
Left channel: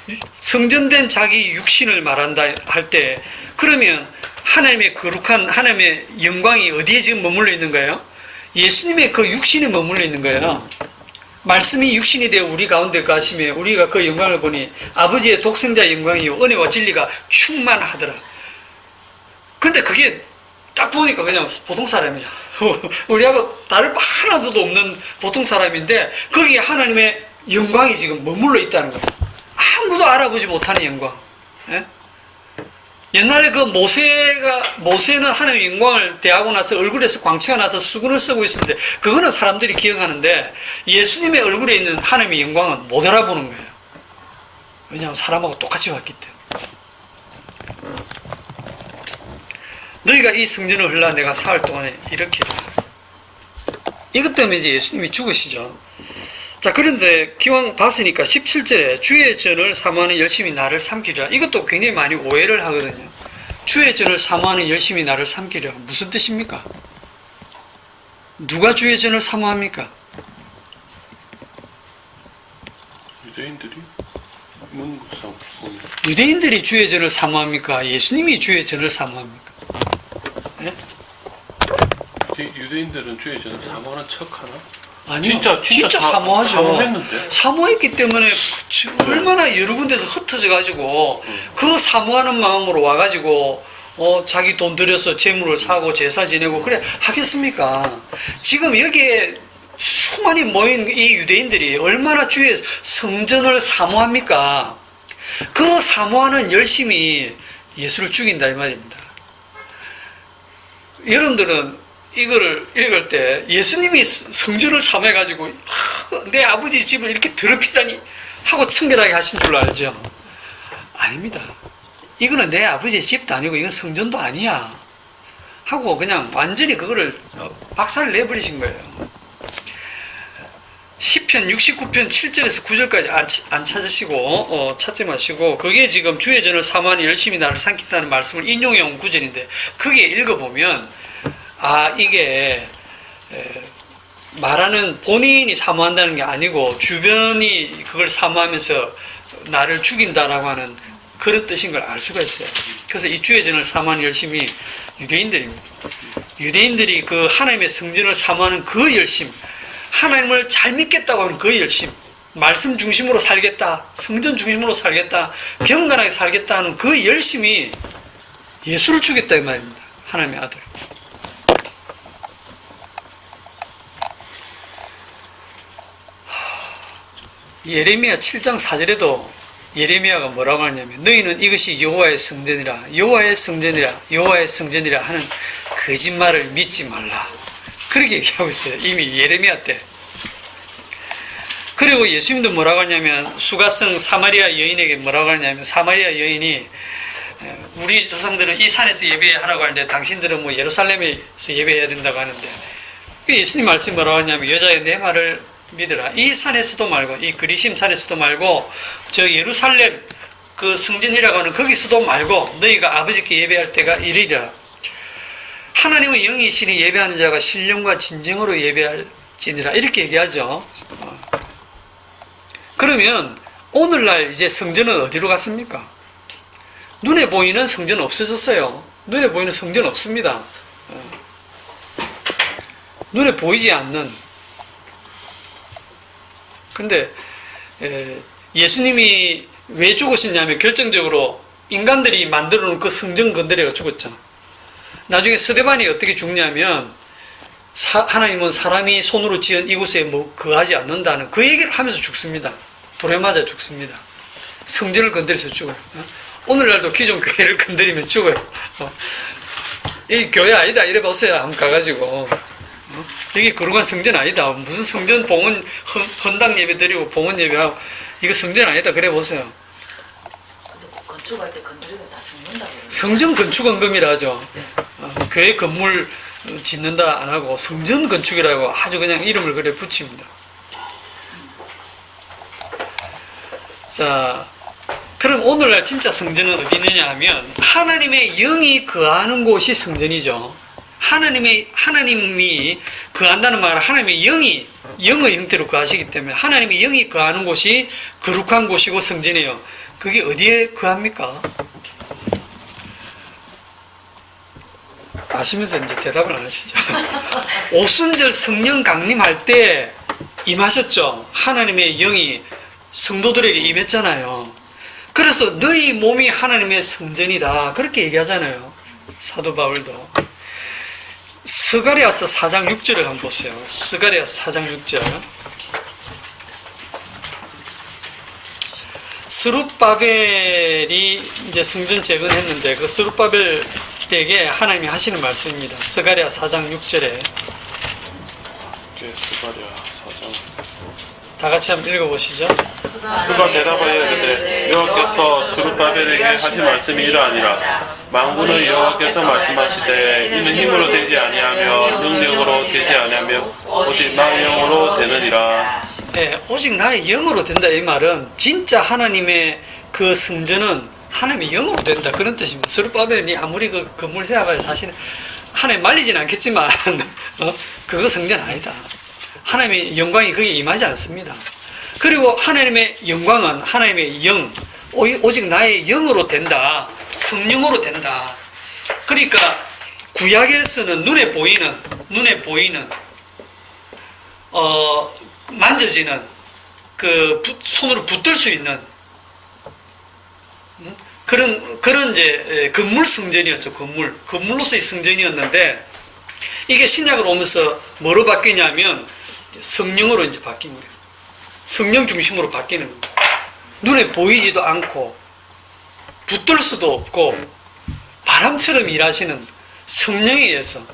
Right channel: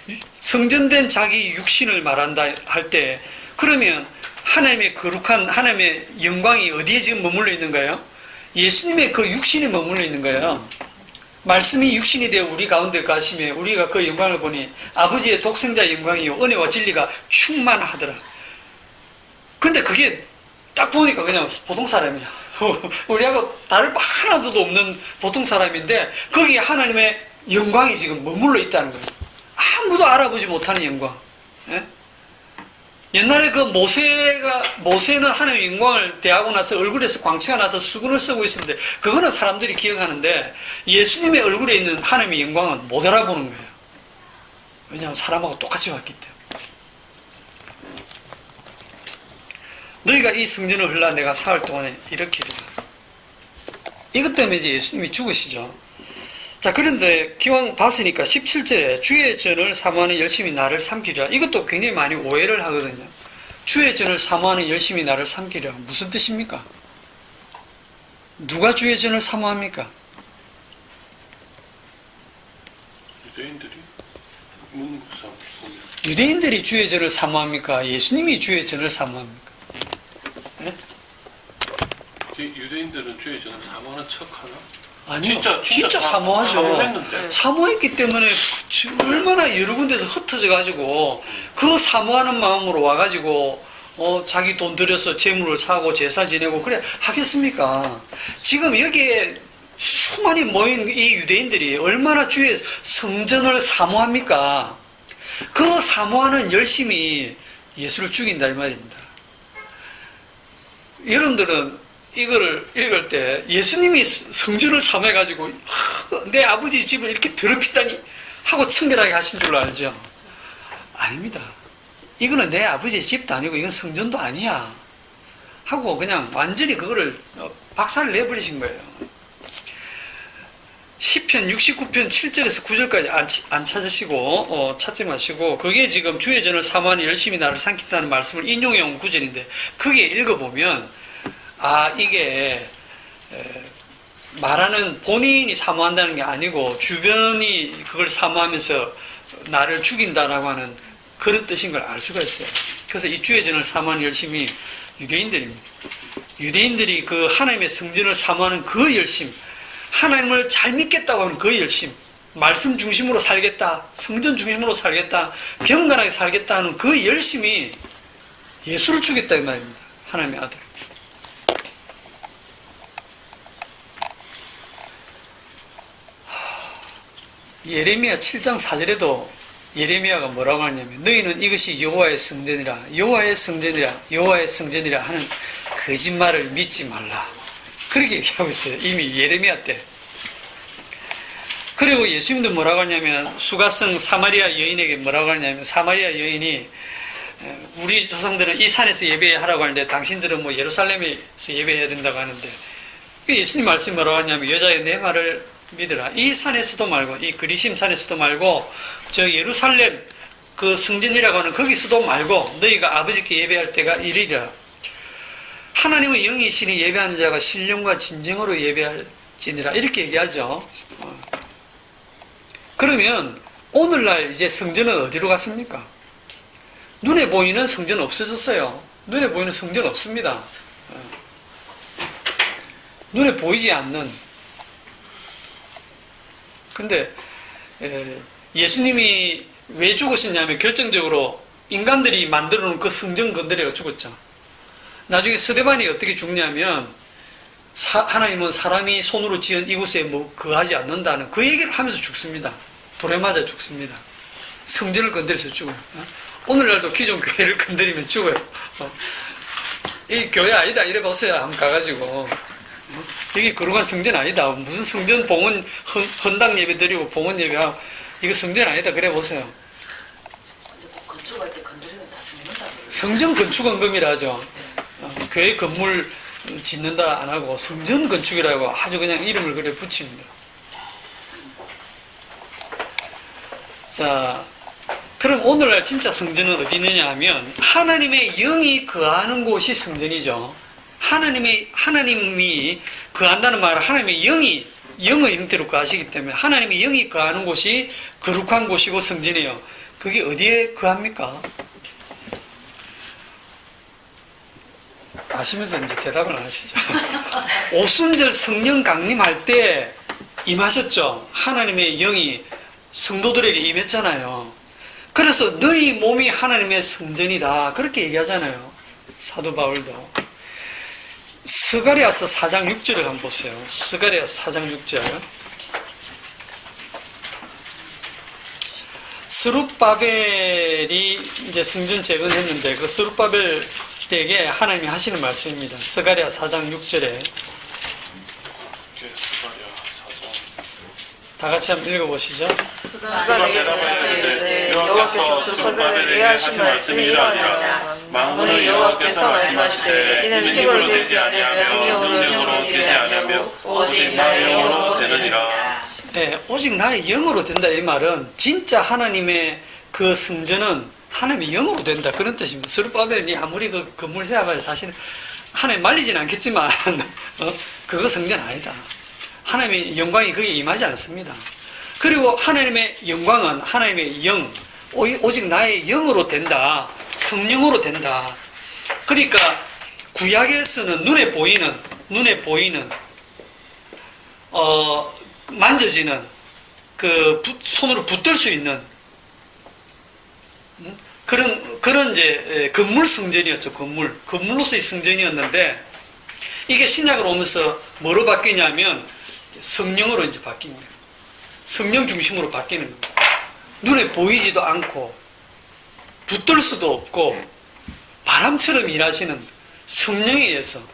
거예요. 성전된 자기 육신을 말한다 할 때 그러면 하나님의 거룩한 하나님의 영광이 어디에 지금 머물러 있는 거예요? 예수님의 그 육신에 머물러 있는 거예요. 말씀이 육신이 되어 우리 가운데 가시며 우리가 그 영광을 보니 아버지의 독생자의 영광이요 은혜와 진리가 충만하더라. 그런데 그게 딱 보니까 그냥 보통 사람이야. 우리하고 다를 바 하나도 없는 보통 사람인데 거기에 하나님의 영광이 지금 머물러 있다는 거예요. 아무도 알아보지 못하는 영광. 예? 옛날에 그 모세는 하나님의 영광을 대하고 나서 얼굴에서 광채가 나서 수건을 쓰고 있었는데 그거는 사람들이 기억하는데 예수님의 얼굴에 있는 하나님의 영광은 못 알아보는 거예요. 왜냐하면 사람하고 똑같이 왔기 때문에. 너희가 이 성전을 헐라 내가 사흘 동안에 일으키리라. 이것 때문에 이제 예수님이 죽으시죠. 자, 그런데 기왕 봤으니까 17절에 주의 전을 사모하는 열심히 나를 삼키리라. 이것도 굉장히 많이 오해를 하거든요. 주의 전을 사모하는 열심히 나를 삼키리라. 무슨 뜻입니까? 누가 주의 전을 사모합니까? 유대인들이 문구상 보면 유대인들이 주의 전을 사모합니까? 예수님이 주의 전을 사모합니까? 네? 유대인들은 주의 전을 사모하는 척하나? 아니요. 진짜 사모하죠. 사모했는데? 사모했기 때문에 얼마나 여러 군데서 흩어져가지고 그 사모하는 마음으로 와가지고 자기 돈 들여서 재물을 사고 제사 지내고 그래 하겠습니까? 지금 여기에 수많이 모인 이 유대인들이 얼마나 주의 성전을 사모합니까? 그 사모하는 열심이 예수를 죽인다 이 말입니다. 여러분들은 이거를 읽을 때 예수님이 성전을 사모해가지고 내 아버지 집을 이렇게 더럽히다니 하고 청결하게 하신 줄 알죠? 아닙니다. 이거는 내 아버지의 집도 아니고 이건 성전도 아니야 하고 그냥 완전히 그거를 박살을 내버리신 거예요. 시편 69편 7절에서 9절까지 안 찾으시고 찾지 마시고 거기에 지금 주의 전을 사모하니 열심히 나를 삼킨다는 말씀을 인용해 온 구절인데 그게 읽어보면 이게 말하는 본인이 사모한다는 게 아니고 주변이 그걸 사모하면서 나를 죽인다라고 하는 그런 뜻인 걸 알 수가 있어요. 그래서 이 주의 전을 사모하는 열심히 유대인들입니다. 유대인들이 그 하나님의 성전을 사모하는 그 열심, 하나님을 잘 믿겠다고 하는 그 열심, 말씀 중심으로 살겠다, 성전 중심으로 살겠다, 경건하게 살겠다 하는 그 열심이 예수를 주겠다 이 말입니다. 하나님의 아들. 예레미야 7장 4절에도 예레미야가 뭐라고 하냐면 너희는 이것이 여호와의 성전이라 여호와의 성전이라 여호와의 성전이라 하는 거짓말을 믿지 말라. 그렇게 얘기하고 있어요. 이미 예레미야 때. 그리고 예수님도 뭐라고 하냐면 수가성 사마리아 여인에게 뭐라고 하냐면 사마리아 여인이 우리 조상들은 이 산에서 예배하라고 하는데 당신들은 뭐 예루살렘에서 예배해야 된다고 하는데 예수님 말씀이 뭐라고 하냐면 여자의 내 말을 믿으라. 이 산에서도 말고 이 그리심 산에서도 말고 저 예루살렘 그 성전이라고 하는 거기서도 말고 너희가 아버지께 예배할 때가 이르리라. 하나님의 영이시니 예배하는 자가 신령과 진정으로 예배할지니라 이렇게 얘기하죠. 그러면 오늘날 이제 성전은 어디로 갔습니까? 눈에 보이는 성전은 없어졌어요. 눈에 보이는 성전은 없습니다. 눈에 보이지 않는. 근데 예수님이 왜 죽으셨냐면 결정적으로 인간들이 만들어 놓은 그 성전 건드려가 죽었죠. 나중에 스데반이 어떻게 죽냐면 하나님은 사람이 손으로 지은 이곳에 뭐 거하지 않는다는 그 얘기를 하면서 죽습니다. 돌에 맞아 죽습니다. 성전을 건드려서 죽어요. 오늘날도 기존 교회를 건드리면 죽어요. 이 교회 아니다 이래 보세요. 한번 가가지고 이게 거룩한 성전 아니다. 무슨 성전 봉헌 헌당 예배 드리고 봉헌 예배하고 이거 성전 아니다. 그래 보세요. 근데 꼭 건축할 때 건드리면 다 죽는다 그래요. 성전 건축원금이라 하죠. 교회 건물 짓는다 안 하고 성전 건축이라고 아주 그냥 이름을 그래 붙입니다. 자, 그럼 오늘날 진짜 성전은 어디 있느냐 하면 하나님의 영이 거하는 곳이 성전이죠. 하나님이 거한다는 말은 하나님의 영이 영의 형태로 거하시기 때문에 하나님의 영이 거하는 곳이 거룩한 곳이고 성전이에요. 그게 어디에 거합니까? 아시면서 이제 대답을 안 하시죠. 오순절 성령 강림할 때 임하셨죠. 하나님의 영이 성도들에게 임했잖아요. 그래서 너희 몸이 하나님의 성전이다. 그렇게 얘기하잖아요. 사도 바울도. 스가랴서 4장 6절을 한번 보세요. 스가랴서 4장 6절. 스룹바벨이 이제 성전 재건했는데 그 스룹바벨에게 하나님이 하시는 말씀입니다. 스가랴 4장 6절에 스가랴 4장 다 같이 한번 읽어보시죠. 그가 대답하여 이르되 여호와께서 스룹바벨에게 하신 말씀이 이러하니라. 만군의 여호와께서 말씀하시되 이는 힘으로 되지 아니하며 능력으로 되지 아니하며 오직 나의 영으로 되느니라. 네, 오직 나의 영으로 된다 이 말은 진짜 하나님의 그 성전은 하나님의 영으로 된다 그런 뜻입니다. 스룹바벨이 아무리 그 건물 세워가지고 사실은 하나님 말리지는 않겠지만 그거 성전 아니다. 하나님의 영광이 거기에 임하지 않습니다. 그리고 하나님의 영광은 하나님의 영, 오직 나의 영으로 된다. 성령으로 된다. 그러니까 구약에서는 눈에 보이는 만져지는 그 손으로 붙들 수 있는 그런 이제 건물 성전이었죠. 건물로서의 성전이었는데 이게 신약으로 오면서 뭐로 바뀌냐면 성령으로 이제 바뀐 거예요. 성령 중심으로 바뀌는 거예요. 눈에 보이지도 않고 붙들 수도 없고 바람처럼 일하시는 성령에 의해서.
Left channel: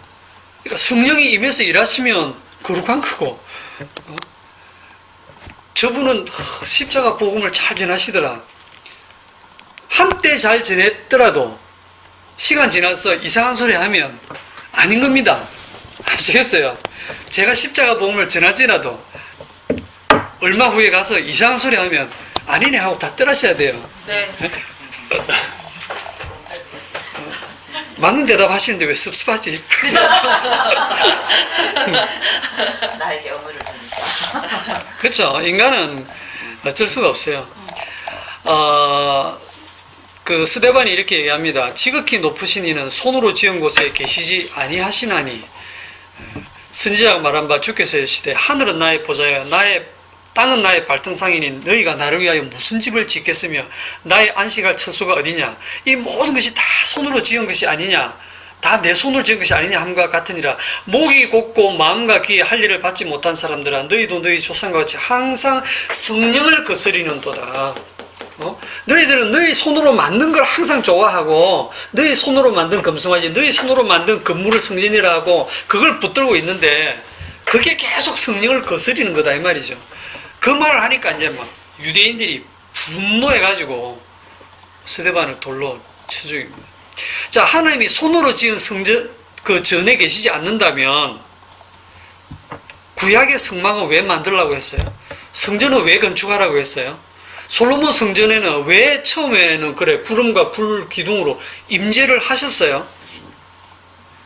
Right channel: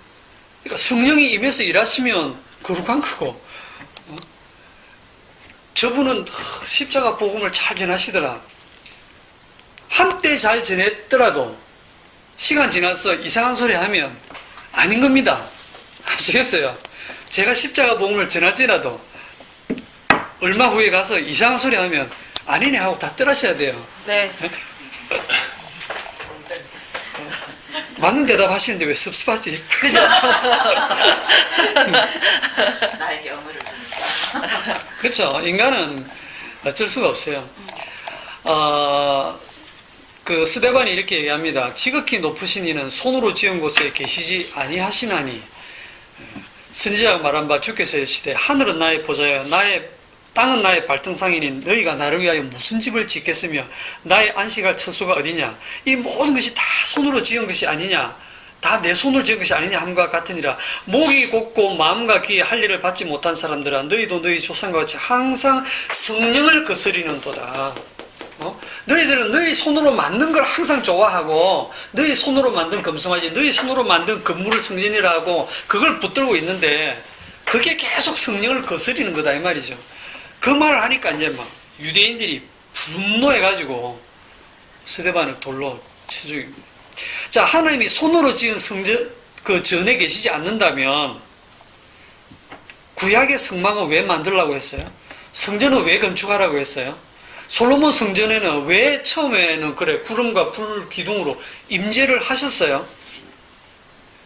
그러니까 성령이 임해서 일하시면 거룩한 거고 저분은 십자가 복음을 잘 전하시더라. 한때 잘 전했더라도 시간 지나서 이상한 소리 하면 아닌 겁니다. 아시겠어요? 제가 십자가 복음을 전할지라도 얼마 후에 가서 이상한 소리 하면 아니네 하고 다 떠나셔야 돼요. 네. 맞는 대답 하시는데 왜 섭섭하지? 그죠? 나에게 영어를 주니까. 그렇죠. 인간은 어쩔 수가 없어요. 그 스데반이 이렇게 얘기합니다. 지극히 높으신 이는 손으로 지은 곳에 계시지 아니하시나니, 선지자가 말한 바 주께서 이르시되 하늘은 나의 보좌여 땅은 나의 발등상이니 너희가 나를 위하여 무슨 집을 짓겠으며 나의 안식할 처소가 어디냐. 이 모든 것이 다 손으로 지은 것이 아니냐, 다 내 손으로 지은 것이 아니냐 함과 같으니라. 목이 곧고 마음과 귀에 할 일을 받지 못한 사람들아, 너희도 너희 조상과 같이 항상 성령을 거스리는도다. 너희들은 너희 손으로 만든 걸 항상 좋아하고, 너희 손으로 만든 금송아지, 너희 손으로 만든 건물을 성전이라 하고 그걸 붙들고 있는데, 그게 계속 성령을 거스리는 거다 이 말이죠. 그 말을 하니까 이제 막 유대인들이 분노해가지고 스데반을 돌로 쳐 죽입니다. 자, 하나님이 손으로 지은 성전 그 전에 계시지 않는다면 구약의 성막은 왜 만들라고 했어요? 성전은 왜 건축하라고 했어요? 솔로몬 성전에는 왜 처음에는 그래 구름과 불 기둥으로 임재를 하셨어요?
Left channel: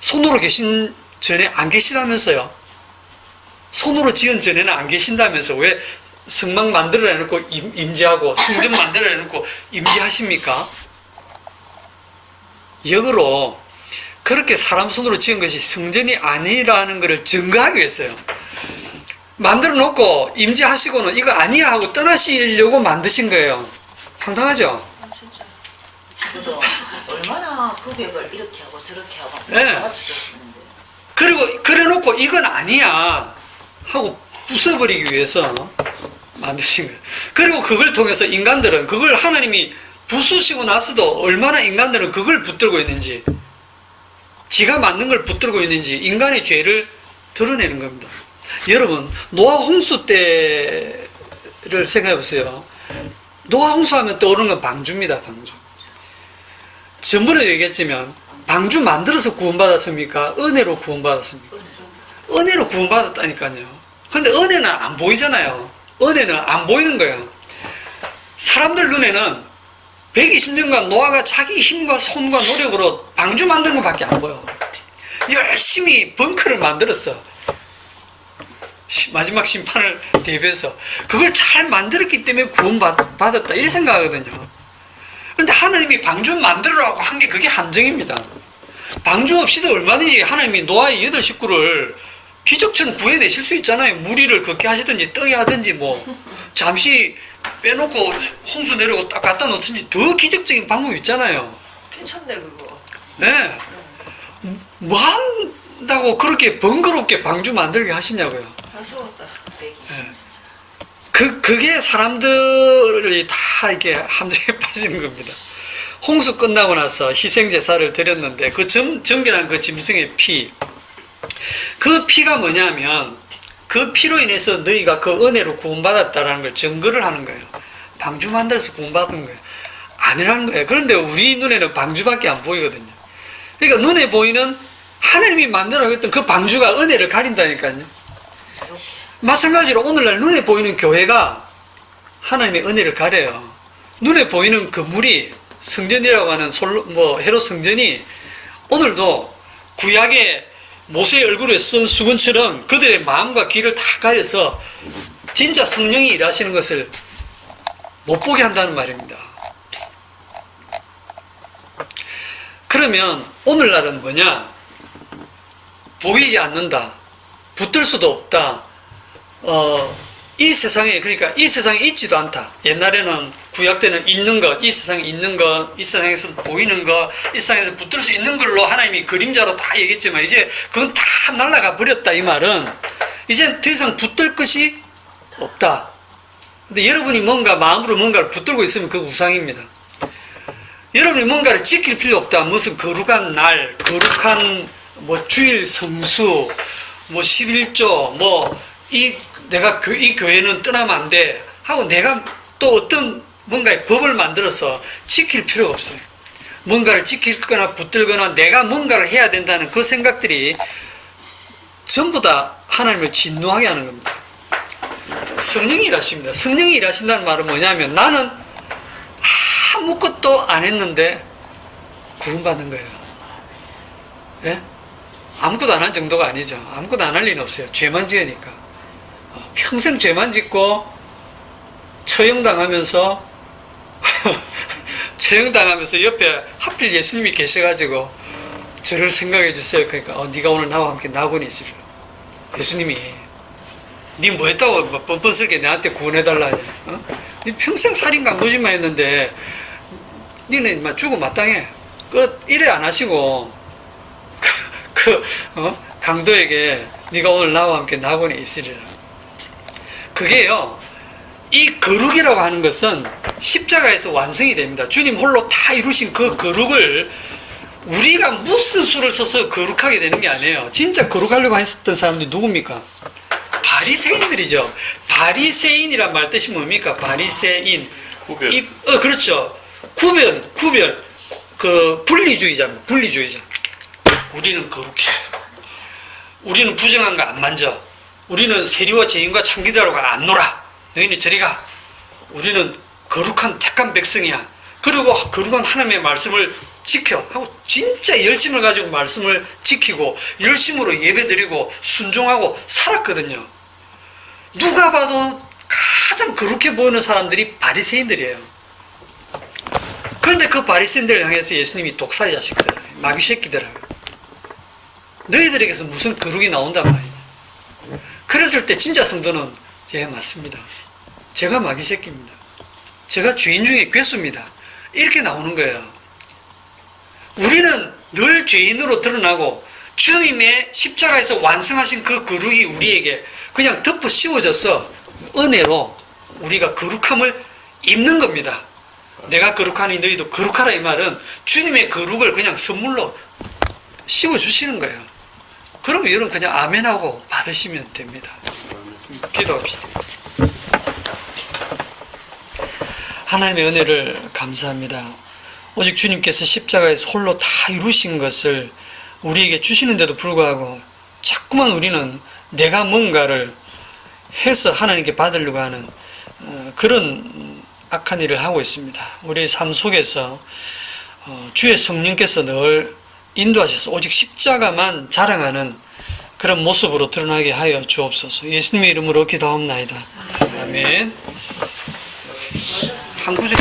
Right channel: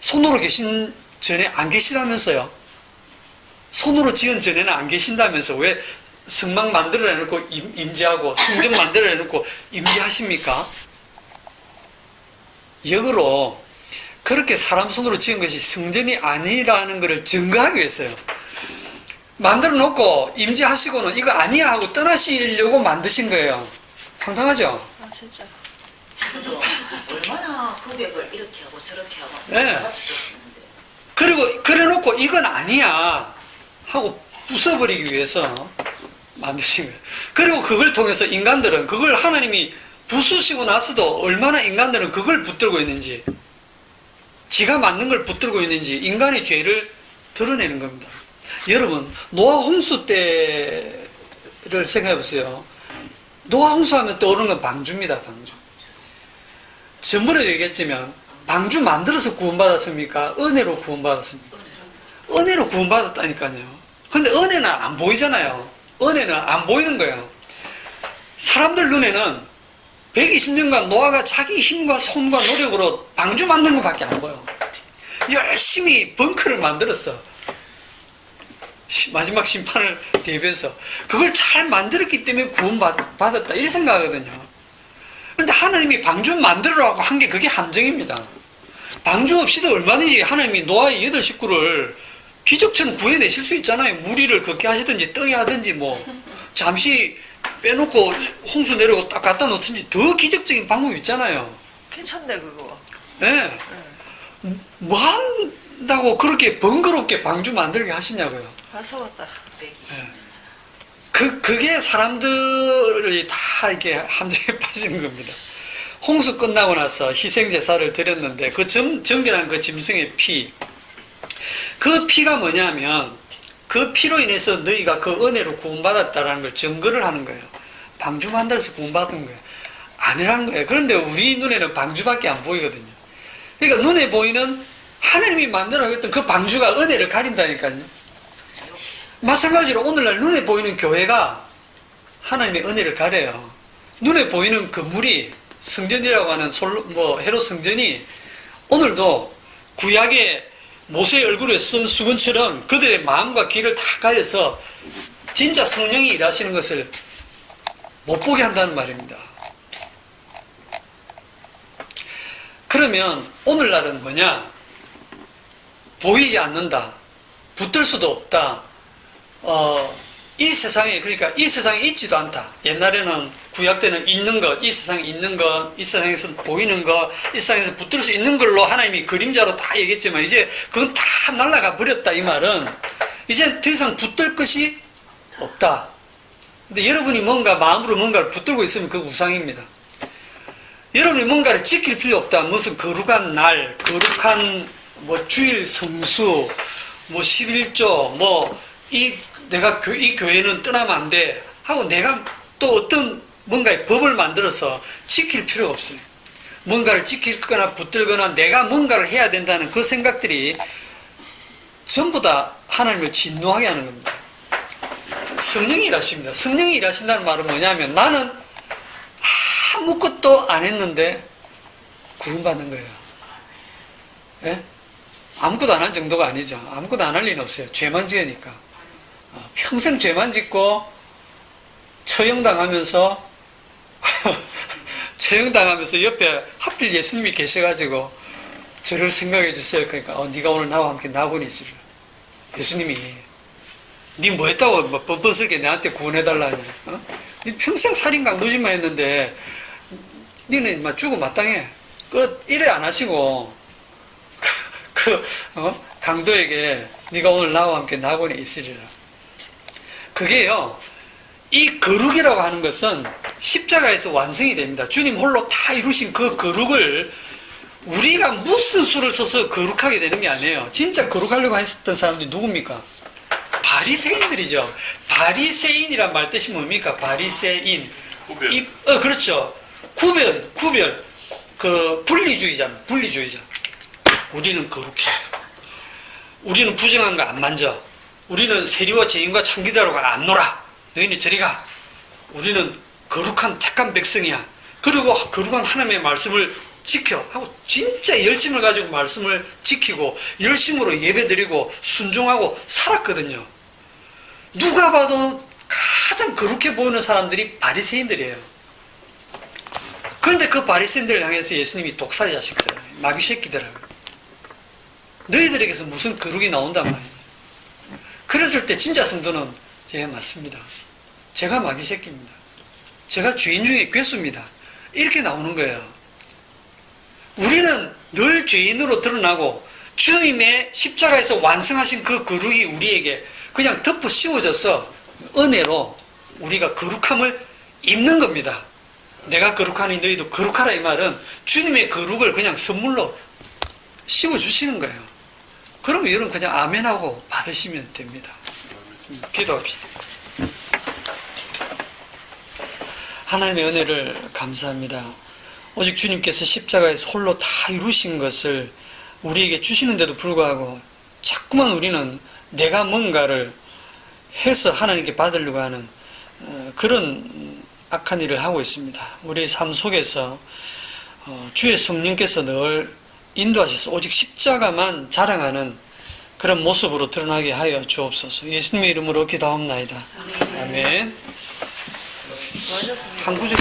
손으로 계신 전에 안 계시다면서요? 손으로 지은 전에는 안 계신다면서 왜 성막 만들어 내놓고 임재하고 성전 만들어 내놓고 임재하십니까? 역으로 그렇게 사람 손으로 지은 것이 성전이 아니라는 것을 증거하기 위해서요. 만들어 놓고 임재하시고는 이거 아니야 하고 떠나시려고 만드신 거예요. 황당하죠? 아, 진짜. 저도 얼마나 고백을 이렇게 하고 저렇게 하고 네. 맞추셨는데. 그리고 그래놓고 이건 아니야 하고 부숴버리기 위해서 만드신 거예요. 그리고 그걸 통해서 인간들은 그걸 하나님이 부수시고 나서도 얼마나 인간들은 그걸 붙들고 있는지, 지가 만든 걸 붙들고 있는지 인간의 죄를 드러내는 겁니다. 여러분, 노아 홍수 때를 생각해 보세요. 노아 홍수하면 떠오르는 건 방주입니다. 방주. 전번에도 얘기했지만 방주 만들어서 구원받았습니까? 은혜로 구원받았습니까? 은혜로 구원받았다니까요. 근데 은혜는 안 보이잖아요. 은혜는 안 보이는 거예요. 사람들 눈에는 120년간 노아가 자기 힘과 손과 노력으로 방주 만든 것밖에 안 보여. 열심히 벙커를 만들었어. 마지막 심판을 대비해서 그걸 잘 만들었기 때문에 구원받았다 이렇게 생각하거든요. 그런데 하나님이 방주 만들으라고 한 게 그게 함정입니다. 방주 없이도 얼마든지 하나님이 노아의 8 식구를 기적처럼 구해내실 수 있잖아요. 무리를 걷게 하시든지 떠게 하든지 뭐 잠시 빼놓고 홍수 내려고 딱 갖다 놓든지 더 기적적인 방법이 있잖아요. 괜찮네 그거. 네. 뭐 한다고 그렇게 번거롭게 방주 만들게 하시냐고요. 아쉬웠다. 120년. 그게 사람들이 다 이렇게 함정에 빠지는 겁니다. 홍수 끝나고 나서 희생제사를 드렸는데 그 정결한 그 짐승의 피, 그 피가 뭐냐면 그 피로 인해서 너희가 그 은혜로 구원받았다라는 걸 증거를 하는 거예요. 방주 만들어서 구원받은 거예요. 아니라는 거예요. 그런데 우리 눈에는 방주밖에 안 보이거든요. 그러니까 눈에 보이는 하나님이 만들어냈던 그 방주가 은혜를 가린다니까요. 마찬가지로 오늘날 눈에 보이는 교회가 하나님의 은혜를 가려요. 눈에 보이는 건물이 성전이라고 하는 헤롯 성전이 오늘도 구약의 모세의 얼굴에 쓴 수건처럼 그들의 마음과 귀를 다 가려서 진짜 성령이 일하시는 것을 못 보게 한다는 말입니다. 그러면 오늘날은 뭐냐? 보이지 않는다. 붙들 수도 없다. 이 세상에, 그러니까 이 세상에 있지도 않다. 옛날에는 구약 때는 있는 것, 이 세상에 있는 것, 이 세상에서 보이는 것, 이 세상에서 붙들 수 있는 걸로 하나님이 그림자로 다 얘기했지만 이제 그건 다 날아가 버렸다. 이 말은 이제 더 이상 붙들 것이 없다. 근데 여러분이 뭔가 마음으로 뭔가를 붙들고 있으면 그 우상입니다. 여러분이 뭔가를 지킬 필요 없다. 무슨 거룩한 날, 거룩한 뭐 주일 성수, 뭐 11조, 내가 이 교회는 떠나면 안 돼 하고 내가 또 어떤 뭔가의 법을 만들어서 지킬 필요가 없어요. 뭔가를 지킬 거나 붙들거나 내가 뭔가를 해야 된다는 그 생각들이 전부 다 하나님을 진노하게 하는 겁니다. 성령이 일하십니다. 성령이 일하신다는 말은 뭐냐면 나는 아무것도 안 했는데 구원받는 거예요. 예? 아무것도 안 한 정도가 아니죠. 아무것도 안 할 리는 없어요. 죄만 지으니까. 평생 죄만 짓고 처형당하면서 처형당하면서 옆에 하필 예수님이 계셔가지고 저를 생각해 주세요. 그러니까 네가 오늘 나와 함께 낙원에 있으려. 예수님이 네 뭐 했다고 뭐 뻔뻔스럽게 나한테 구원해달라 하냐. 네 평생 살인 강도짓만 했는데 니는 막 죽어 마땅해. 이래 안 하시고 강도에게 네가 오늘 나와 함께 낙원에 있으리라. 그게요, 이 거룩이라고 하는 것은 십자가에서 완성이 됩니다. 주님 홀로 다 이루신 그 거룩을 우리가 무슨 수를 써서 거룩하게 되는 게 아니에요. 진짜 거룩하려고 했었던 사람들이 누굽니까? 바리새인들이죠. 바리새인이란 말 뜻이 뭡니까? 바리새인. 구별. 그렇죠. 구별. 분리주의자입니다. 분리주의자. 우리는 거룩해. 우리는 부정한 거 안 만져. 우리는 세리와 죄인과 창기들하고 안 놀아. 너희는 저리 가. 우리는 거룩한 택한 백성이야. 그리고 거룩한 하나님의 말씀을 지켜 하고 진짜 열심을 가지고 말씀을 지키고 열심으로 예배드리고 순종하고 살았거든요. 누가 봐도 가장 거룩해 보이는 사람들이 바리새인들이에요. 그런데 그 바리새인들을 향해서 예수님이 독사의 자식들, 마귀 새끼들아, 너희들에게서 무슨 거룩이 나온단 말이에요. 그랬을 때 진짜 성도는 맞습니다. 제가 마귀 새끼입니다. 제가 죄인 중에 괴수입니다. 이렇게 나오는 거예요. 우리는 늘 죄인으로 드러나고 주님의 십자가에서 완성하신 그 거룩이 우리에게 그냥 덮어 씌워져서 은혜로 우리가 거룩함을 입는 겁니다. 내가 거룩하니 너희도 거룩하라, 이 말은 주님의 거룩을 그냥 선물로 씌워주시는 거예요. 그럼 여러분 그냥 아멘하고 받으시면 됩니다. 기도합시다. 하나님의 은혜를 감사합니다. 오직 주님께서 십자가에서 홀로 다 이루신 것을 우리에게 주시는데도 불구하고 자꾸만 우리는 내가 뭔가를 해서 하나님께 받으려고 하는 그런 악한 일을 하고 있습니다. 우리의 삶 속에서 주의 성령께서 늘 인도하셔서 오직 십자가만 자랑하는 그런 모습으로 드러나게 하여 주옵소서. 예수님의 이름으로 기도하옵나이다. 아멘. 한 구절